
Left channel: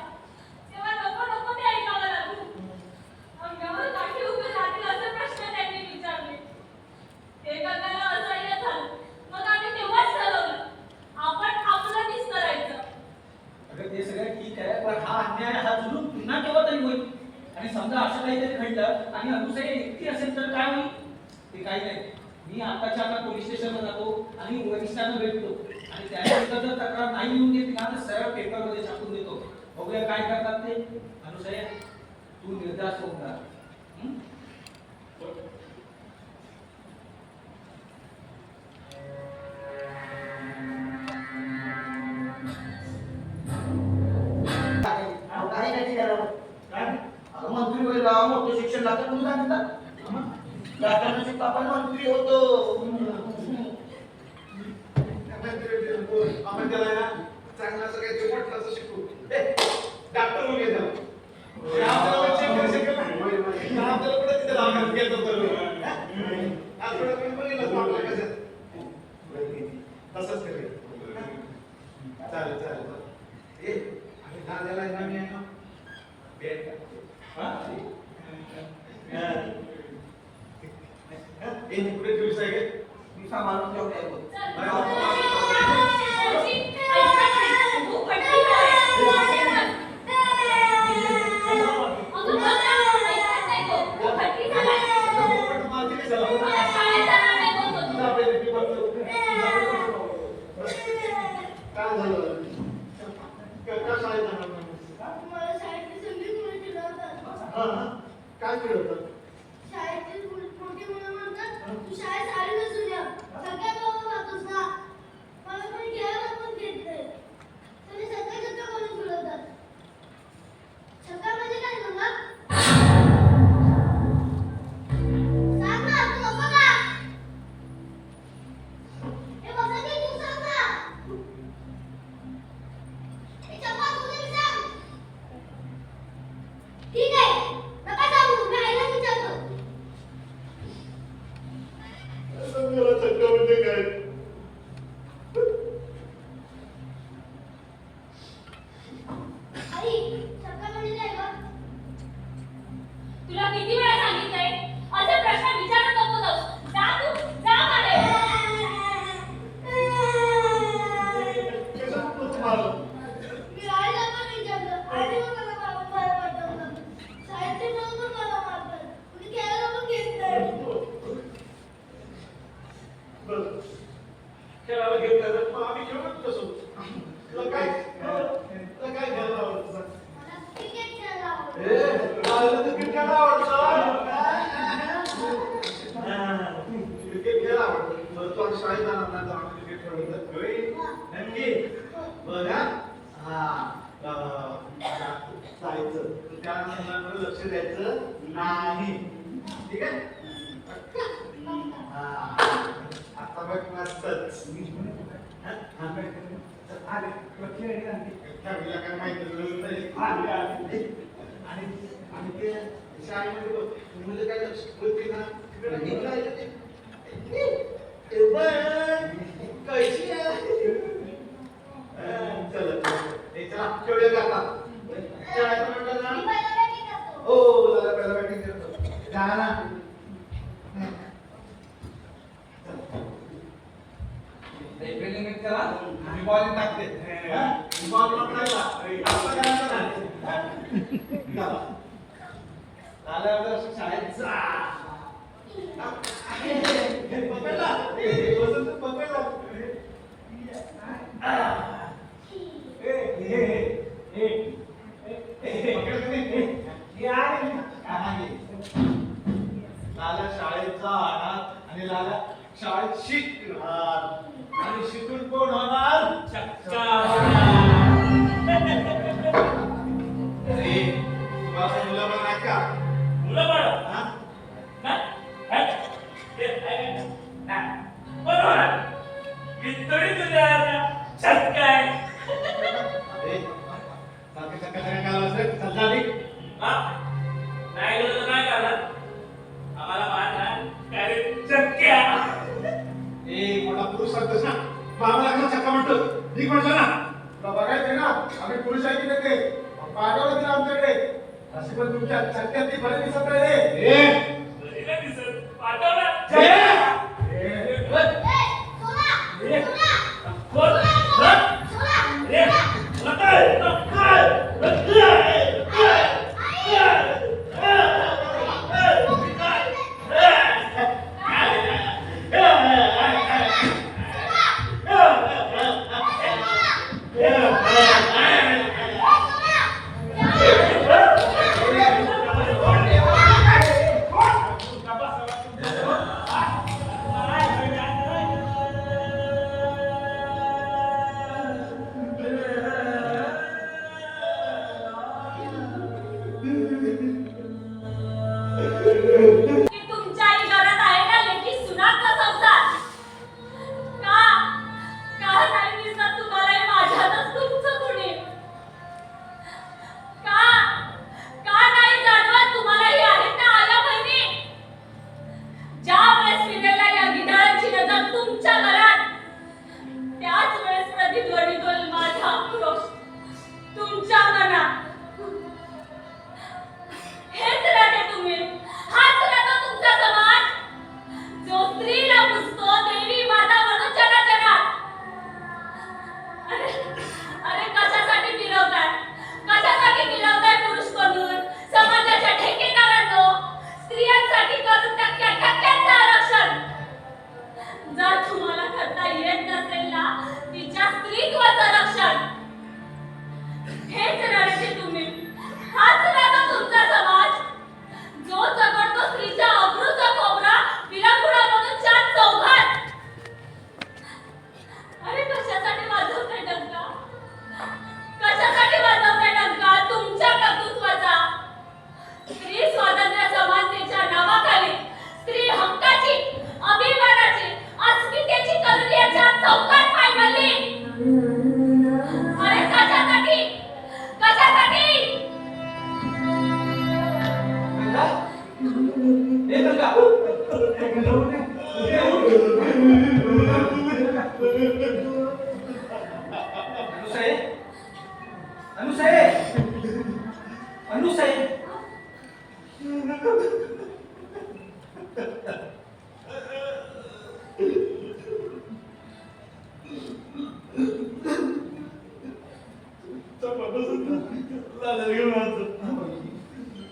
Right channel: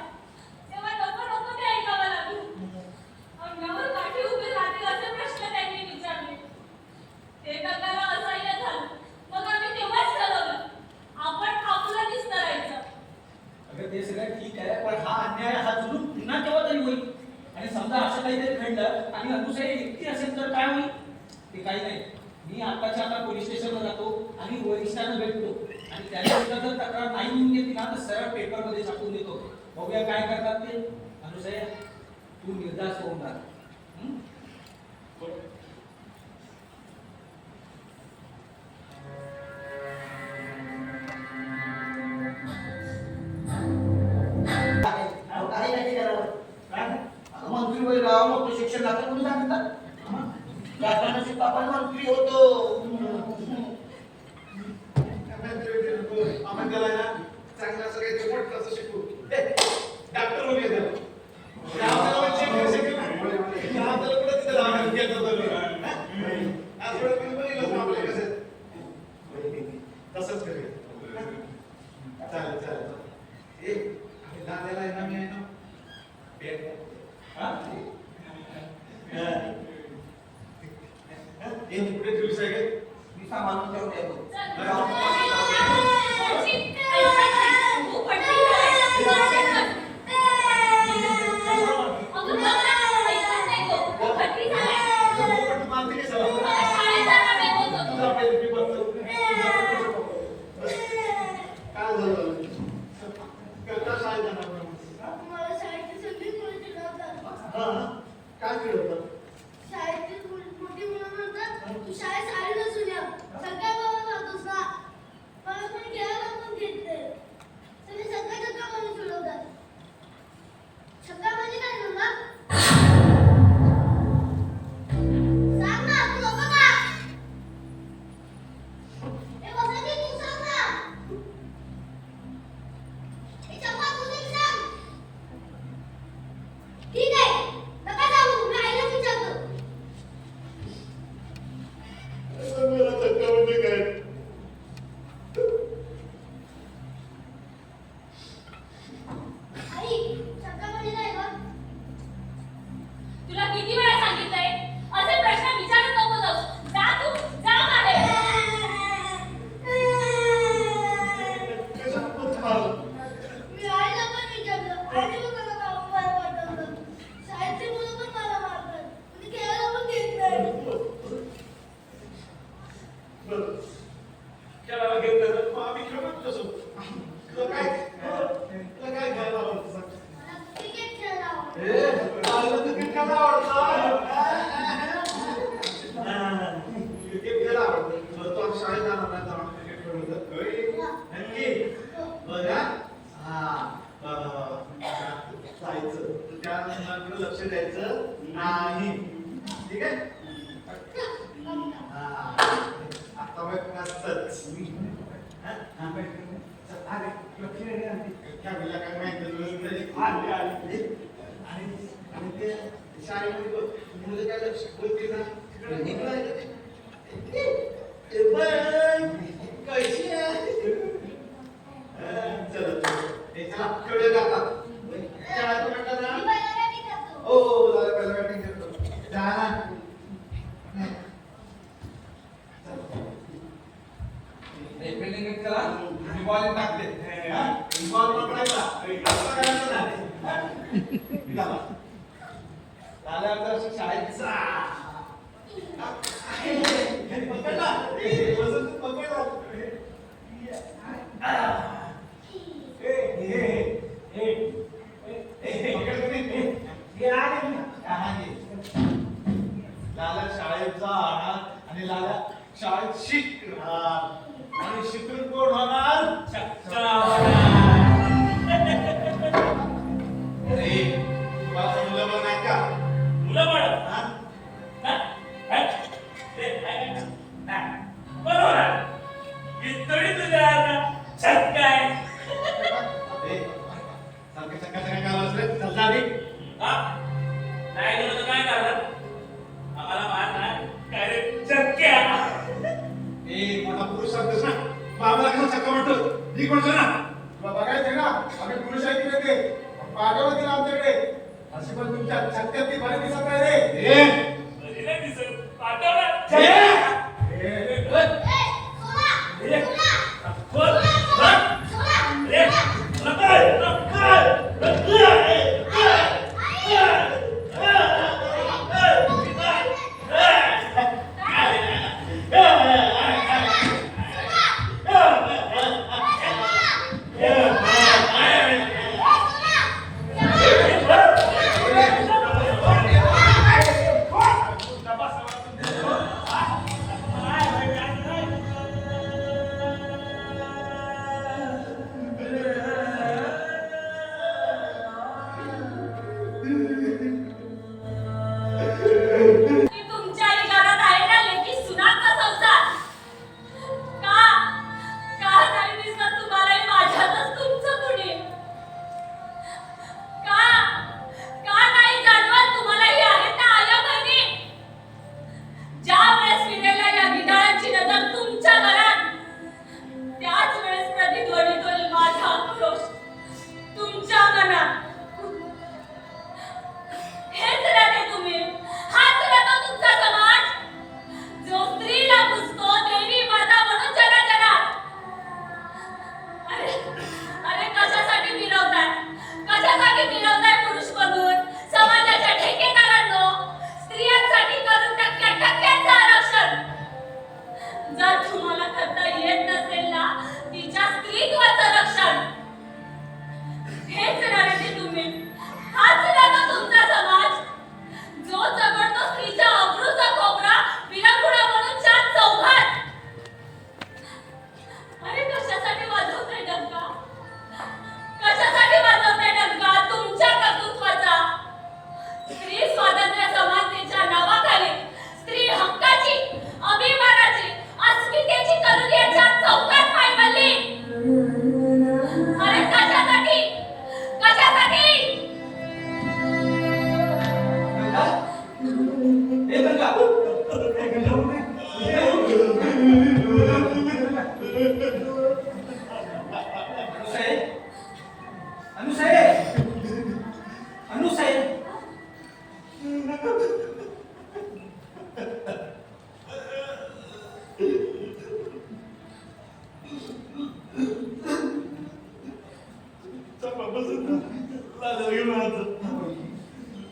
तेव्हा नको नको ते ऐकावं लागलं अंगावर काठी उभे राहतील असे प्रश्न त्यांनी विचारले ते करताना असह्य झालं मग आम्ही तेव्हाच ठरवलं आपण आपलं निस्तरायचं अगं ते सगळं ठीक आहे पण हा अन्याय हा जुलूम पुन्हा केव्हा तरी होईल आणि समजा असं काहीतरी घडलं आणि अनुसाई एकटी असेल तर काय होईल ते काही नाही मी आताच्या आता पोलीस स्टेशनला जातो आणि वरिष्ठांना भेटतो आणि त्याच्याविरुद्ध जर तक्रार नाही येऊन घेतली ना तर सरळ पेपरमध्ये छापून देतो बघूया काय करतात ते अनुसाई तू निर्धास्त होऊन राहा हं? काही नाही करावं. आता मंत्री वगैरे गावाला मोठं शिक्षण लागतं कोणी सांगितलं राजकारणाशी आपण मंत्री होतो आपण त्याला ना चांगलं असं काहीतरी मोठं असं शिकू. डॉक्टर होऊन ये त्याला. ते आपल्याला पण check करू शकेल ना. ते आपल्याला कुठं तिथे लावणार केलं तर. आज थोडं मी बघितलं ना आपल्या कसं. तसंच करूया. चालेल चालेल. ए, आम्ही दादाला आहे ना, मी आहे ना. भेट द्या. हा? ए, ती कुठे ठेवलीस आहे काय? मी सांभाळून ठेवून येतो तू पटली झालाय. अगं बघ ना, ऐकत नाही तो. तू पटली झालाय. पण मारते काय सगळं? मला शाळेत जाणार नाही बोलतो तू. तुझा पहिले मी बघतो. काय झालं? काय शाळेत जाणार नाही? मला शाळेची संगीत मुलं चिडवतात. हा, हा. काय चिडवतात? शाळेची मोठी मुलं म्हणतात, तू शाळेत साडी नसून या. सगळ्या गावात जातोस ना. मला कोणी घ्यायला पण घेत नाही. सगळे सगळ्या म्हणून चिडवतात. छक्का म्हणजे काय सांगा? सांग ना, तू नको का? हे वसंती, तू सांग ना. हे चंपा, तू तरी सांग. ठीक आहे, नका सांगू, मी आईलाच विचारतो. असं मला धक्का म्हणजे काय? आई, चक्का म्हणजे काय गं? तुला किती वेळा सांगितलंय असे प्रश्न विचारत नको जाऊ. जा तू, जा बाहेर. कशाला तूच मारलं? मी आईला पण विचारलं. आईने पण मला बाहेर पाठवलं. शाळेतले मुलं पण मला मारतात. कोणी खेळायला पण घेत नाही. बरं. खेळायला घेतलं तर मग आम्ही खेळू नको तसं. तुला काय घ्यायला आवडतं सांग? मला क्रिकेट खेळायला आवडतं. मला तर क्रिकेट खेळायला आवडतं. क्रिकेट खेळायला आवडतं. बरं, तू आज शाळेत जाणार ना, तर आम्ही क्रिकेट खेळू तर. होय? नक्की? बघा. हा. जायचं. त्या मुलांकडे लक्ष द्यायचं नाही. ठीक आहे? हा. आता बघ मस्तच. हा? हा, बघ. चल, आले. तुला खेळ आहे. खेळायला काय माहिती नाही. आले, आले. आणि ते शाळेमध्ये बघ, मुलं काय लक्ष बोलते ना, तिकडे निघालं आहे का ते? ए बघ, कशी आहे? चला, चला, खेळूया का आता? खेळायचं म्हटलं ना? मी पहिला batting करतो. हो, झालं, पहिला बॅटिंग करतो. जा ना. बॉल टाकते. बॉल पकडायचा. असं करायचं नाही. निघाला. झालं तर शाळेत जा. पकडला. वसंत पकडला. पकडलं नाही. हे आहे ना. लाला शाळेत जाणार आणि लाला शाळेत शिकणार आणि शिकून कोण होणार? चक्का सारखं चक्का चक्का काय लावलंस रे? चल जा निघ. हा? नाही गेलं तर काय करणार आम्हाला मार ना काय रे चक्क्या ए मोठा पुरुष सांगतोस ना मग आम्हाला कसं चक्का म्हणतोस निघ म्हणतो ना. तुला बघायचं ना आम्ही पुरुष आहे की नाही ते पाठवलं तिला आमच्याकडे अशी पण तुमच्या चक्क्यात ती बरे दिसत नाही रे. बरी नाही दिसत पाठवणार ए, सोना की तुमच्या घरात आहे ना लेकी सुनाचा संसार का का नाही दिसत तुम्हाला माझ्यातच तुमचं कुणी का नाही जाणवत तुम्हालाही आहेत ना आया बहिणी ज्या वेळेस फिरायला या गिधाडांची नजर तुमच्या घरात त्याच वेळेस प्रतिध्वनित होईल माझा आक्रोश तुमच्या मनात हेच राहते तुम्ही हाच राहतो तुमचा समाज जो स्त्रीला पुजतो देवी माता म्हणून जनात अरे कशासाठी मिरवताय पुरुष बनून समाजाच्या ठेकेदारांनो स्त्रियांसाठी करून टक्क्याचं आरक्षण जर तुम्हाला करता येत नसेल ना तिच्या स्त्रीत्वाचं रक्षण हेच राहते तुम्ही हाच राहतो तुमचा समाज जो चघळतो स्त्रीच्या अब्रूचा कोबरा विरंगुळा म्हणून चार चौघात अरे कशासाठी वाजवताय डंका तुमच्या कर्तृत्वाचा स्त्री स्वातंत्र्य समानतेच्या नावाखाली स्त्री हक्काची अभिमानाची अस्मितेची करून या चार चौघात पाय घालली अरे कशासाठी गंगा? ए गंगा? ए गंगा उठ रे. अनुसाहेब? अनुसाहेब?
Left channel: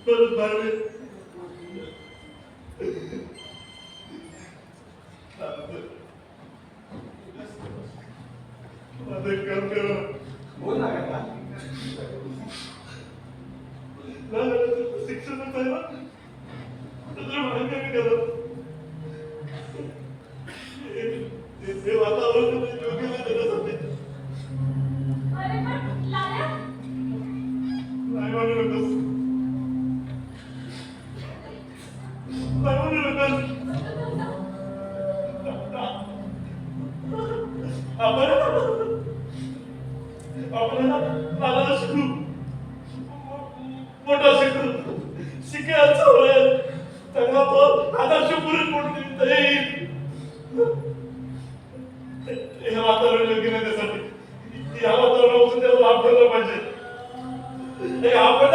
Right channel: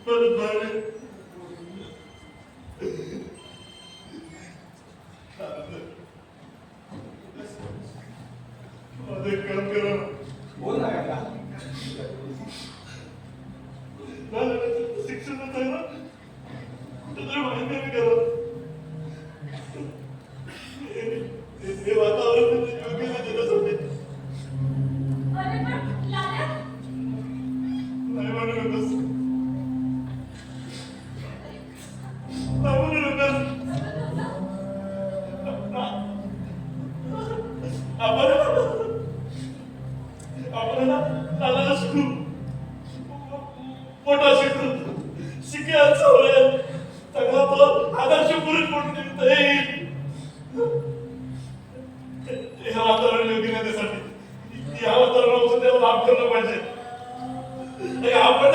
परत भावे माझं एक काम करा बोल ना गंगा. शिक्षणच आहे ना त्याचं माहिती करा ते वातावरण योग्य नाही त्याच्यासाठी अरे पण लाल्या नाही म्हणू नकोस नाही म्हणू नकोस आपण नानाला शिकू मोठा शिकू शिकायचं होईल चांगला तो आदर्श पुरुष म्हणून येईल हे वातावरण योग्य नाही त्यासाठी या वातावरणापासून त्याला लाभ ठेवला पाहिजे आपण